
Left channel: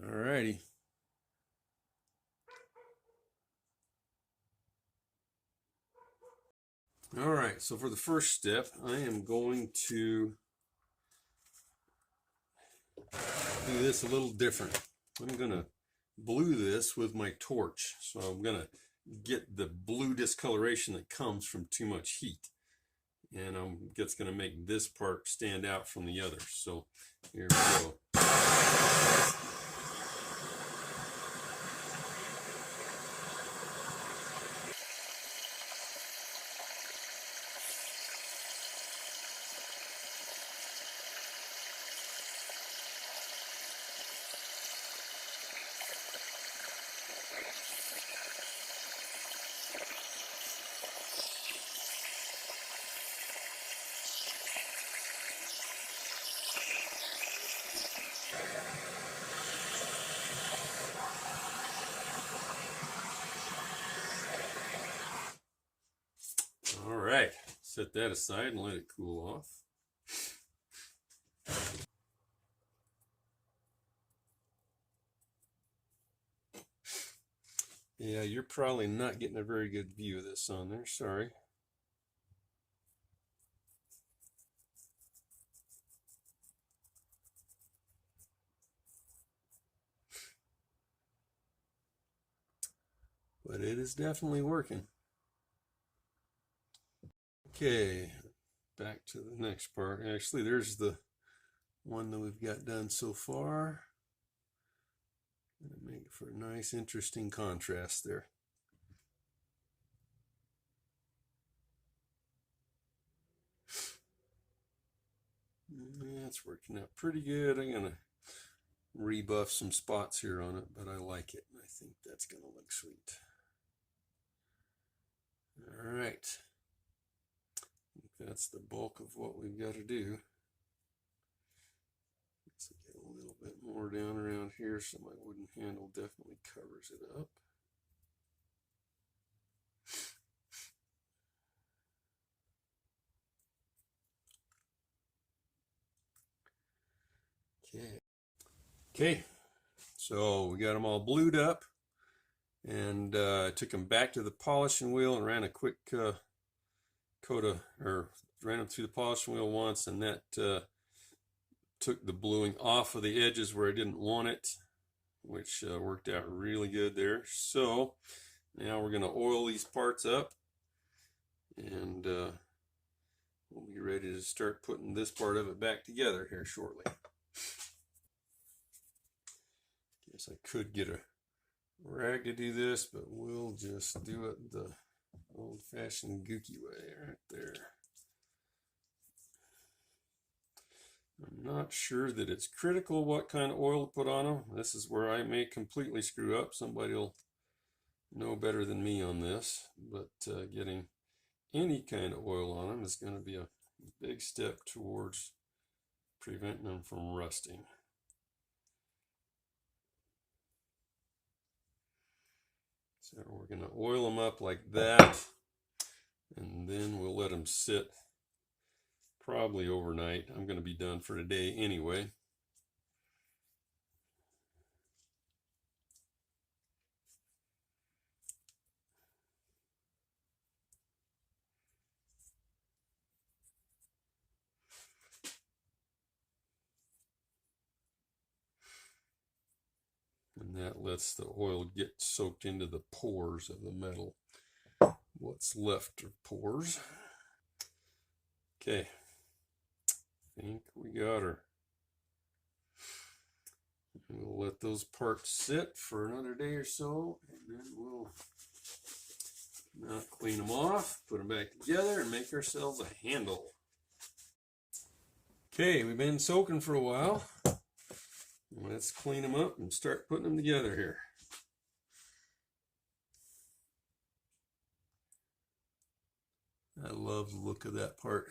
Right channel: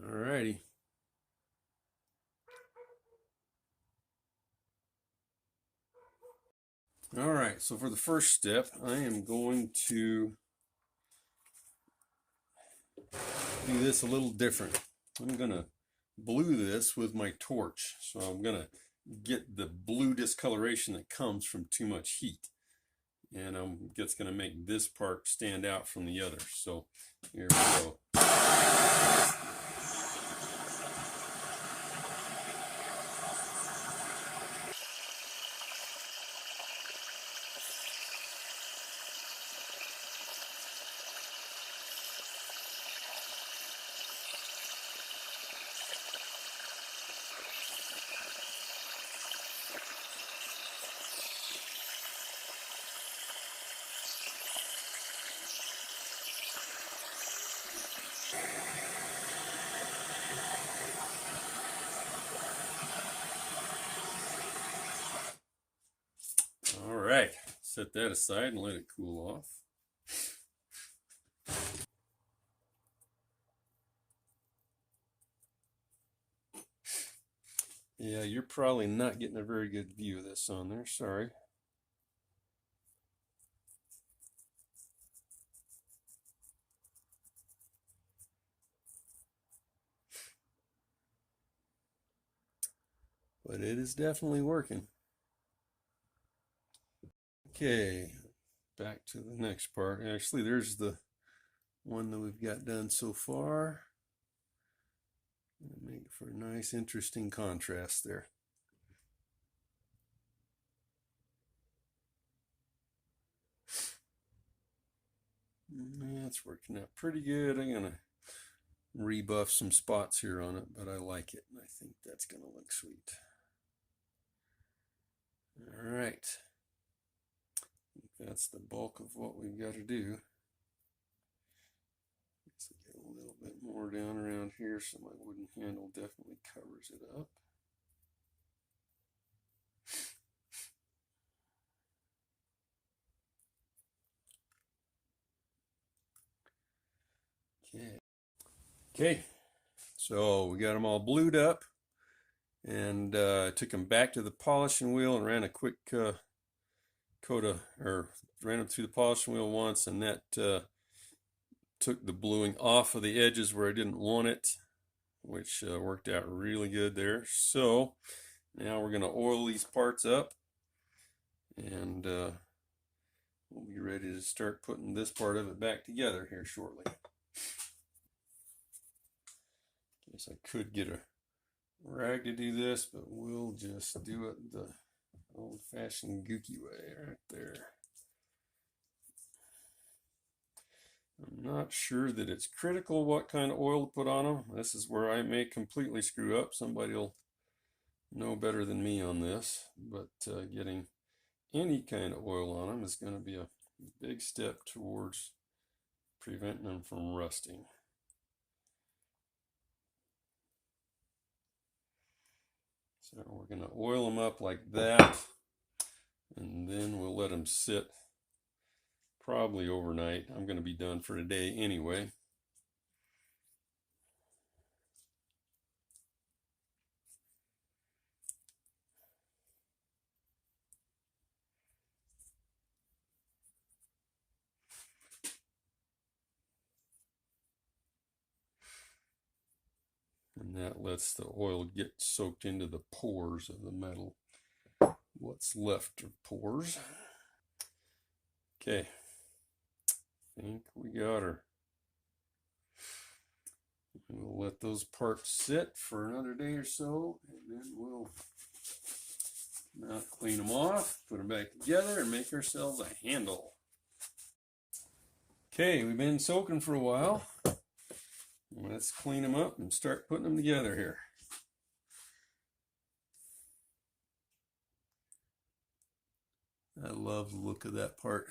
All righty. All right, so for the first step, I am going to do this a little different. I'm going to blue this with my torch. So I'm going to get the blue discoloration that comes from too much heat. And it's going to make this part stand out from the others. So here we go. All right, set that aside and let it cool off. Yeah, you're probably not getting a very good view of this on there, sorry. But it is definitely working. Okay, back to the next part. Actually, there's the one that we've got done so far. Make it for a nice, interesting contrast there. Yeah, it's working out pretty good. I'm gonna rebuff some spots here on it, but I like it. I think that's gonna look sweet. All right, that's the bulk of what we've got to do. Let's get a little bit more down around here so my wooden handle definitely covers it up. Okay, so we got them all blued up, and took them back to the polishing wheel and ran a quick coat of, or ran them through the polishing wheel once, and that took the bluing off of the edges where I didn't want it, which worked out really good there. So now we're going to oil these parts up, and we'll be ready to start putting this part of it back together here shortly. Guess I could get a rag to do this, but we'll just do it the old-fashioned gooky way right there. I'm not sure that it's critical what kind of oil to put on them. This is where I may completely screw up. Somebody will know better than me on this, but getting any kind of oil on them is going to be a big step towards preventing them from rusting. So we're going to oil them up like that, and then we'll let them sit probably overnight. I'm going to be done for today anyway. And that lets the oil get soaked into the pores of the metal. What's left are pores. Okay, I think we got her. We'll let those parts sit for another day or so, and then we'll clean them off, put them back together, and make ourselves a handle. Okay, we've been soaking for a while. Let's clean them up and start putting them together here. I love the look of that part.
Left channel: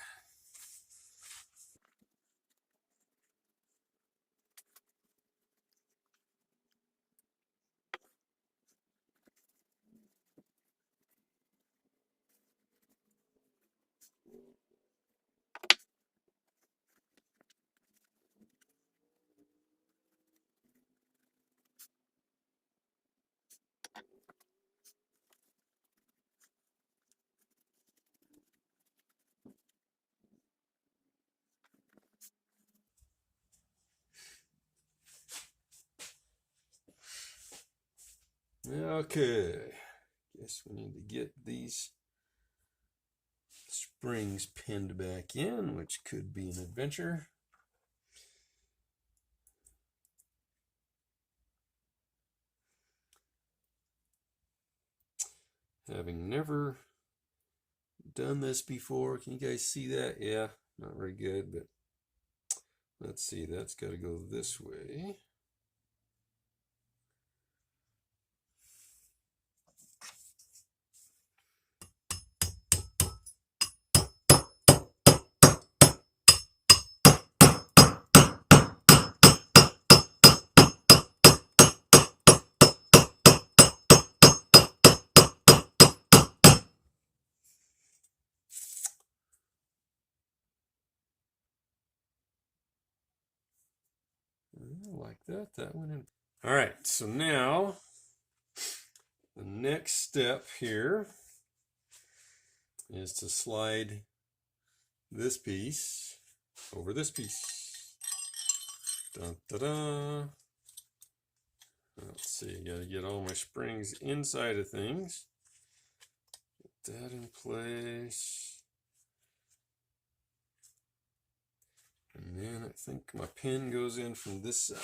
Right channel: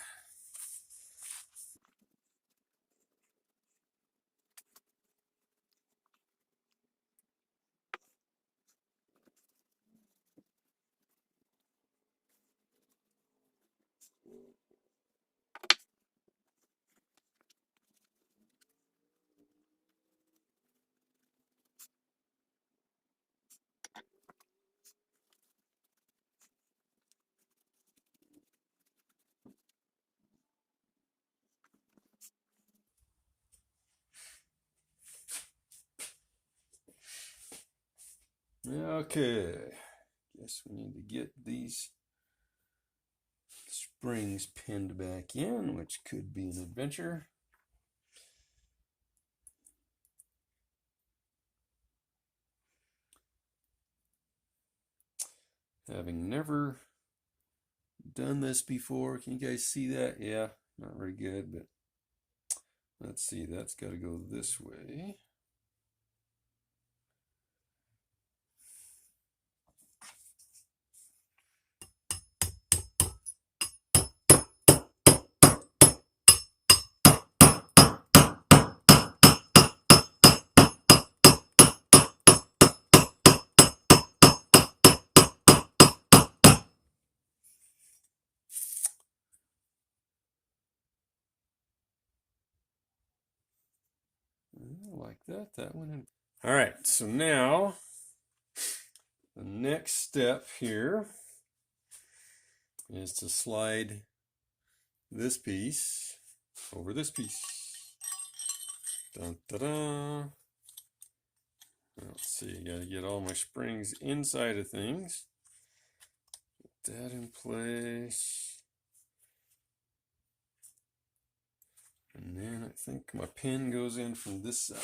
Okay, guess we need to get these springs pinned back in, which could be an adventure. Having never done this before, can you guys see that? Yeah, not very good, but let's see, that's got to go this way. Like that, that went in. All right, so now the next step here is to slide this piece over this piece. Dun, da, da. Let's see, I gotta get all my springs inside of things. Get that in place. And then I think my pin goes in from this side.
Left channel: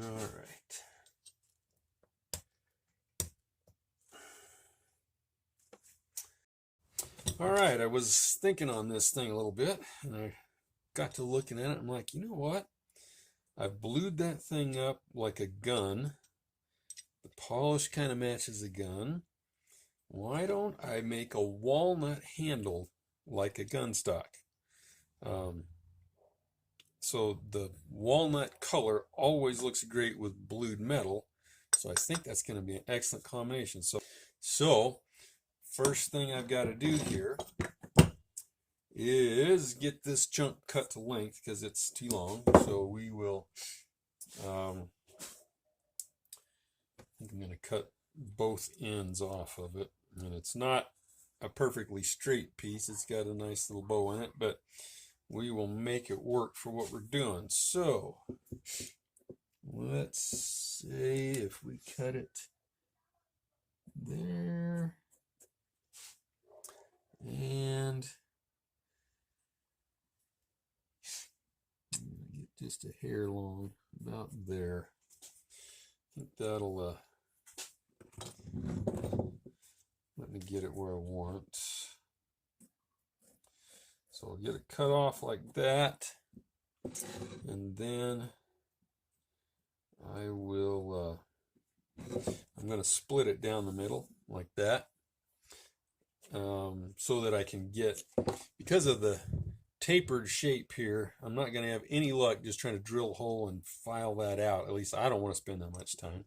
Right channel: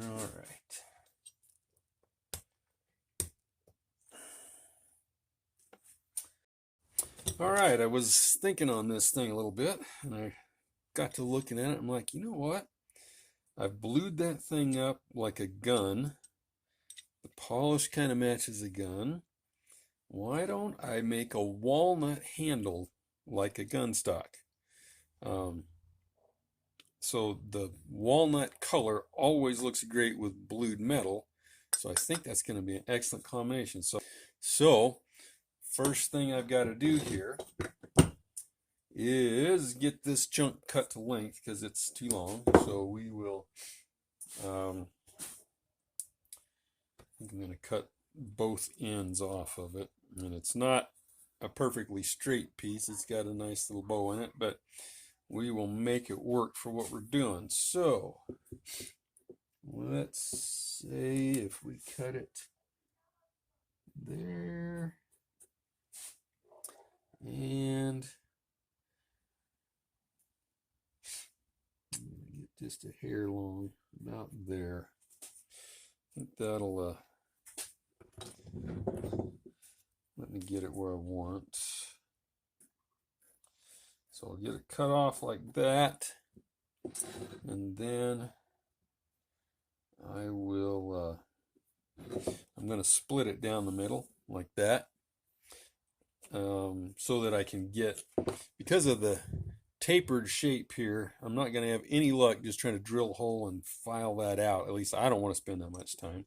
All right. All right, I was thinking on this thing a little bit, and I got to looking at it. I'm like, you know what? I've blued that thing up like a gun. The polish kind of matches a gun. Why don't I make a walnut handle like a gun stock? So the walnut color always looks great with blued metal. So I think that's going to be an excellent combination. So first thing I've got to do here is get this chunk cut to length because it's too long. So we will, I think I'm going to cut both ends off of it. And it's not a perfectly straight piece. It's got a nice little bow in it, but we will make it work for what we're doing. So let's say if we cut it there and get just a hair long about there. I think that'll let me get it where I want. So I'll get it cut off like that, and then I will I'm going to split it down the middle like that, so that I can get, because of the tapered shape here, I'm not going to have any luck just trying to drill a hole and file that out. At least I don't want to spend that much time.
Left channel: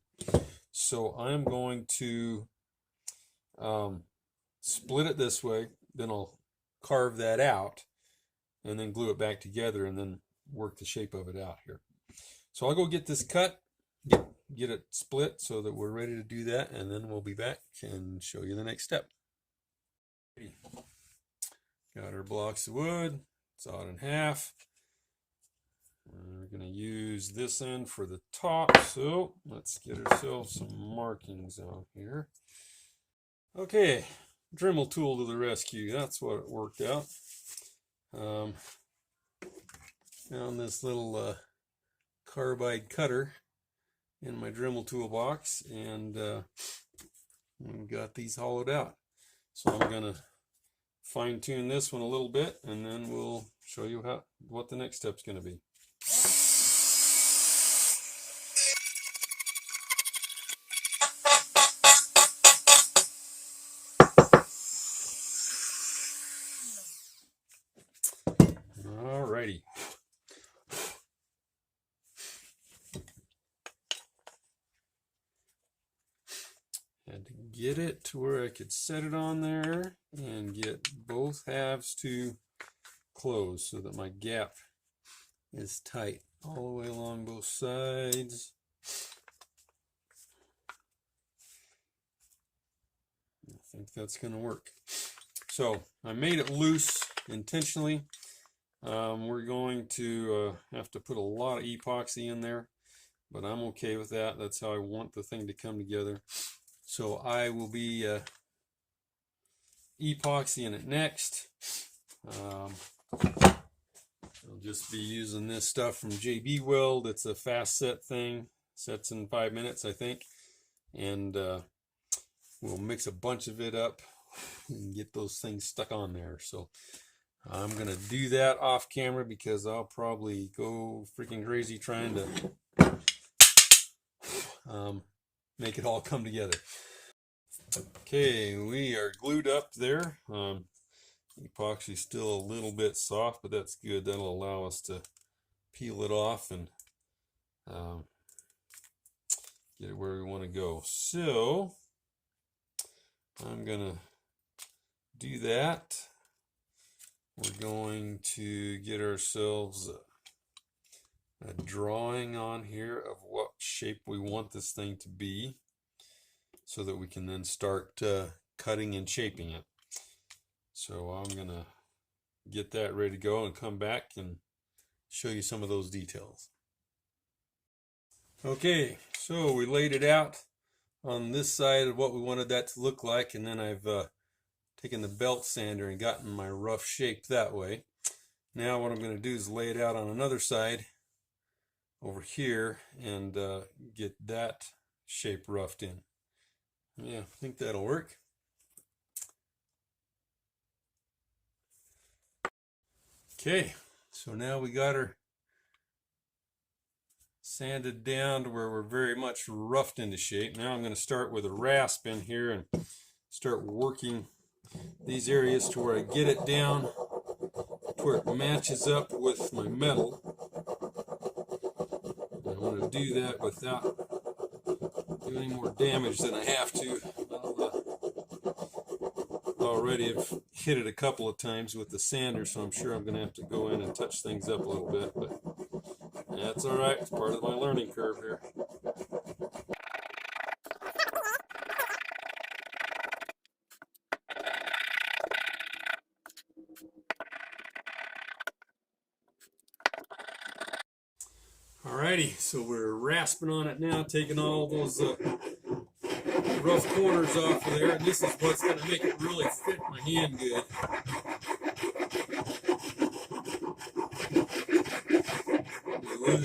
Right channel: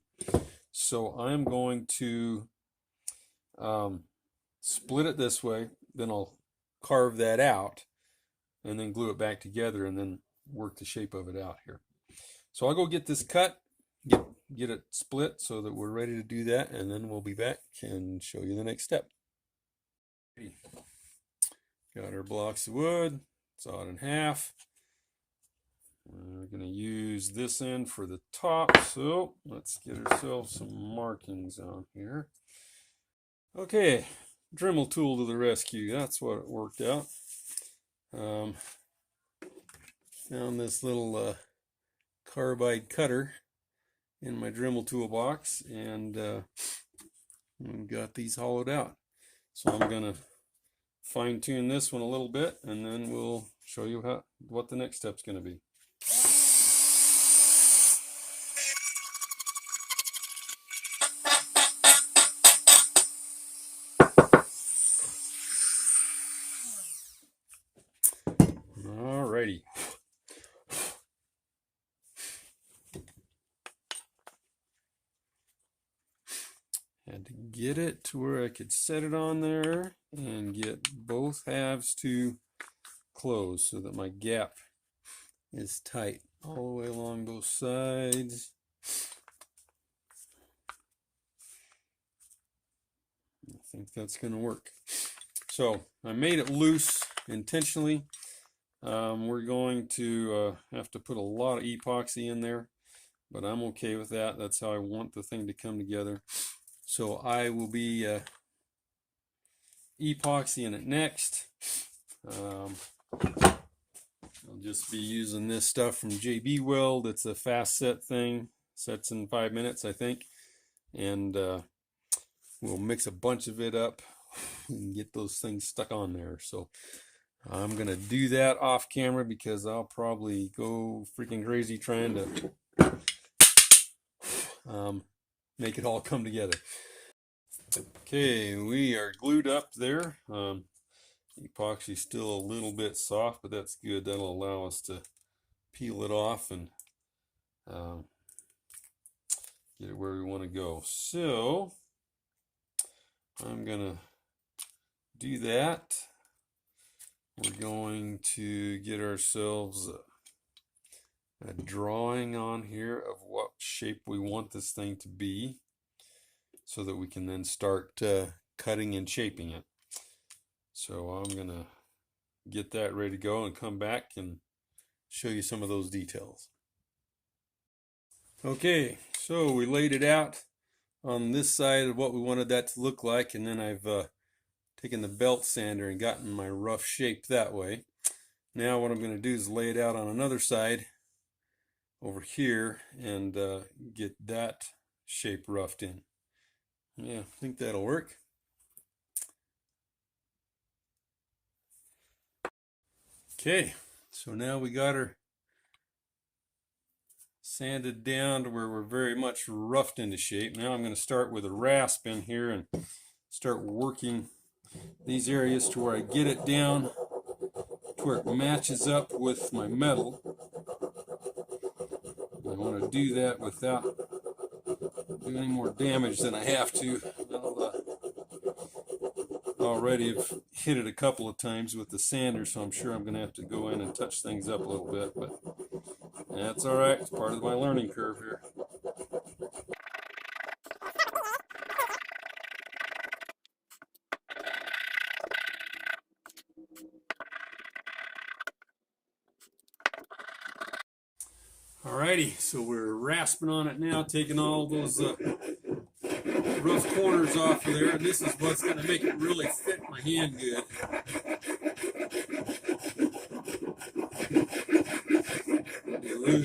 So I'm going to split it this way, then I'll carve that out and then glue it back together and then work the shape of it out here. So I'll go get this cut, get it split so that we're ready to do that, and then we'll be back and show you the next step. Got our blocks of wood, sawed in half. We're going to use this end for the top, so let's get ourselves some markings on here. Okay, Dremel tool to the rescue. That's what it worked out. Found this little carbide cutter in my Dremel toolbox, and got these hollowed out. So I'm going to fine tune this one a little bit, and then we'll show you what the next step's going to be. Alrighty. Had to get it to where I could set it on there and get both halves to close so that my gap is tight all the way along both sides. I think that's going to work. So I made it loose intentionally. We're going to have to put a lot of epoxy in there, but I'm okay with that. That's how I want the thing to come together. So I will be epoxying it next. I'll just be using this stuff from JB Weld. It's a fast set thing. Sets in 5 minutes, I think. And we'll mix a bunch of it up and get those things stuck on there. So I'm going to do that off camera because I'll probably go freaking crazy trying to make it all come together. Okay, we are glued up there. Epoxy's still a little bit soft, but that's good. That'll allow us to peel it off and get it where we want to go. So I'm gonna do that. We're going to get ourselves a drawing on here of what shape we want this thing to be, so that we can then start cutting and shaping it. So I'm gonna get that ready to go and come back and show you some of those details. Okay, so we laid it out on this side of what we wanted that to look like, and then I've taken the belt sander and gotten my rough shape that way. Now what I'm going to do is lay it out on another side over here and get that shape roughed in. Yeah, I think that'll work. Okay, so now we got her sanded down to where we're very much roughed into shape. Now I'm going to start with a rasp in here and start working these areas to where I get it down to where it matches up with my metal. I want to do that without doing any more damage than I have to. Already have hit it a couple of times with the sander, so I'm sure I'm going to have to go in and touch things up a little bit, but that's all right. It's part of my learning curve here. Alrighty, so we're rasping on it now, taking all those rough corners off of there, and this is what's going to make it really fit my hand good.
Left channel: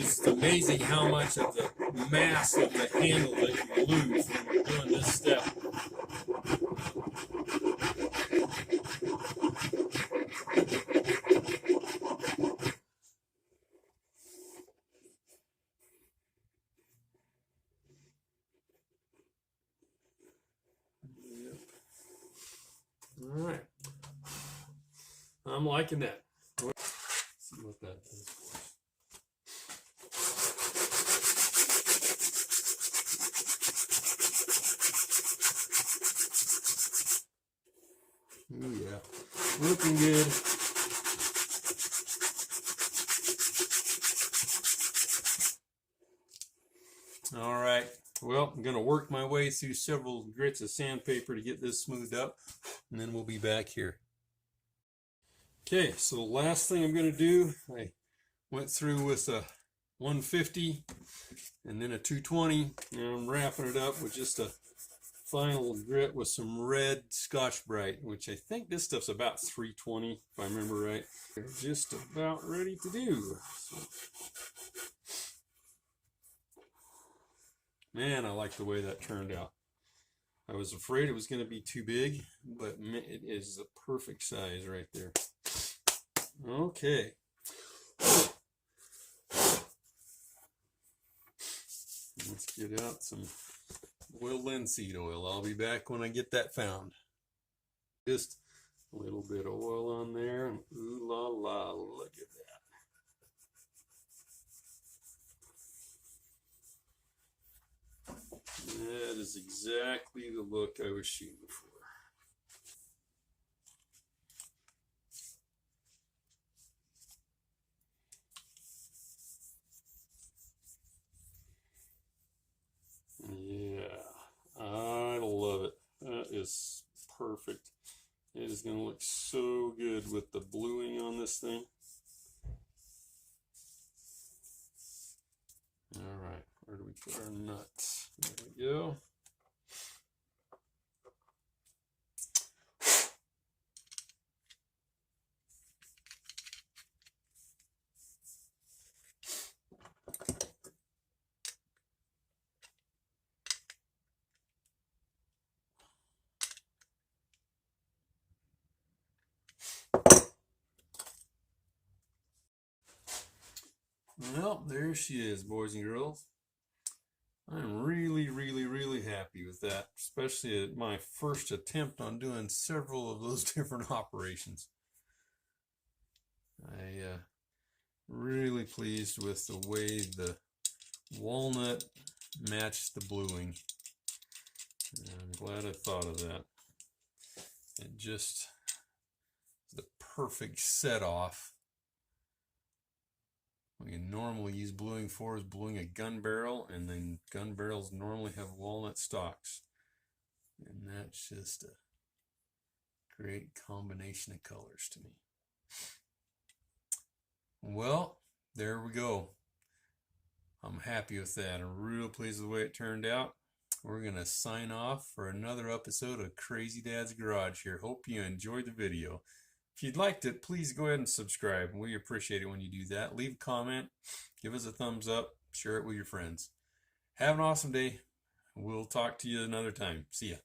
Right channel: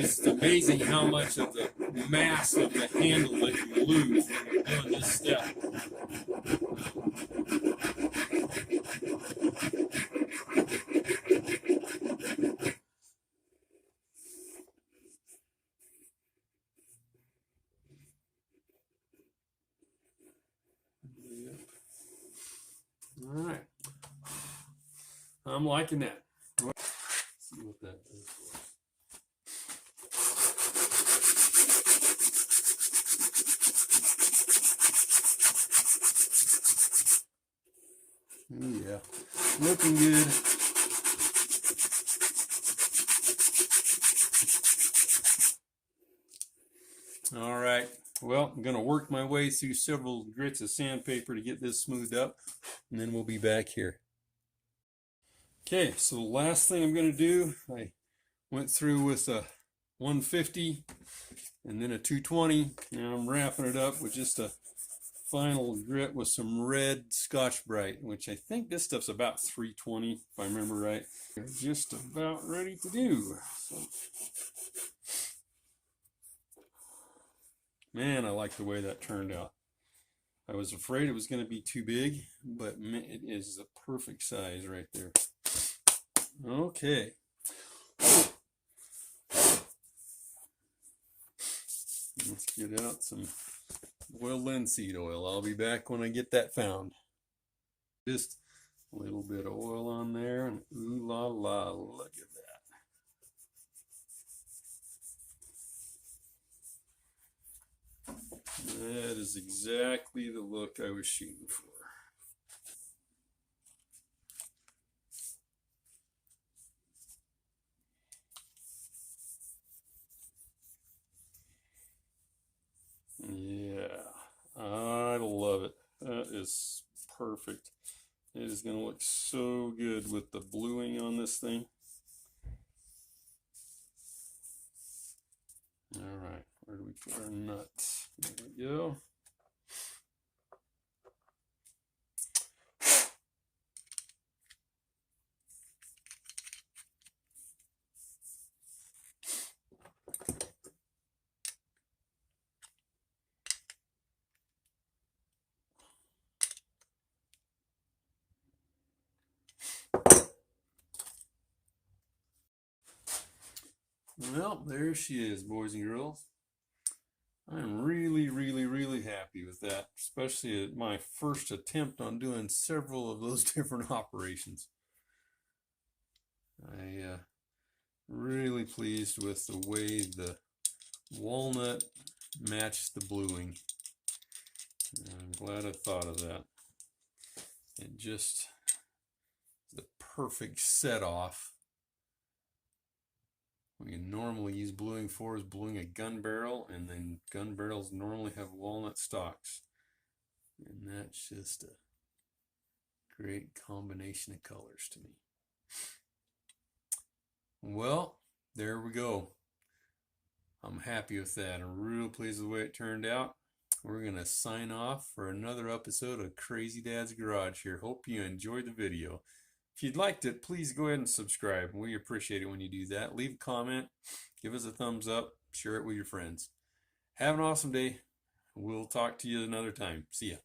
It's amazing how much of the mass of the handle that you lose when you're doing this step. All right, I'm liking that. Let's see what that does. Ooh, yeah, looking good. All right, well, I'm going to work my way through several grits of sandpaper to get this smoothed up, and then we'll be back here. Okay, so the last thing I'm going to do, I went through with a 150 and then a 220, and I'm wrapping it up with just a final grit with some red Scotch-Brite, which I think this stuff's about 320, if I remember right. Just about ready to do. So, man, I like the way that turned out. I was afraid it was going to be too big, but it is the perfect size right there. Okay. Let's get out some boiled linseed oil. I'll be back when I get that found. Just a little bit of oil on there, and ooh la la, look at that. That is exactly the look I was shooting for. Yeah, I love it. That is perfect. It is going to look so good with the bluing on this thing. All right, where do we put our nuts? There we go. Well, there she is, boys and girls. I'm really happy with that, especially at my first attempt on doing several of those different operations. I really pleased with the way the walnut matched the bluing. I'm glad I thought of that. It just the perfect set off. What you normally use bluing for is bluing a gun barrel, and then gun barrels normally have walnut stocks. And that's just a great combination of colors to me. Well, there we go. I'm happy with that. I'm real pleased with the way it turned out. We're going to sign off for another episode of Crazy Dad's Garage here. Hope you enjoyed the video. If you'd liked it, please go ahead and subscribe. We appreciate it when you do that. Leave a comment, give us a thumbs up, share it with your friends. Have an awesome day. We'll talk to you another time. See ya.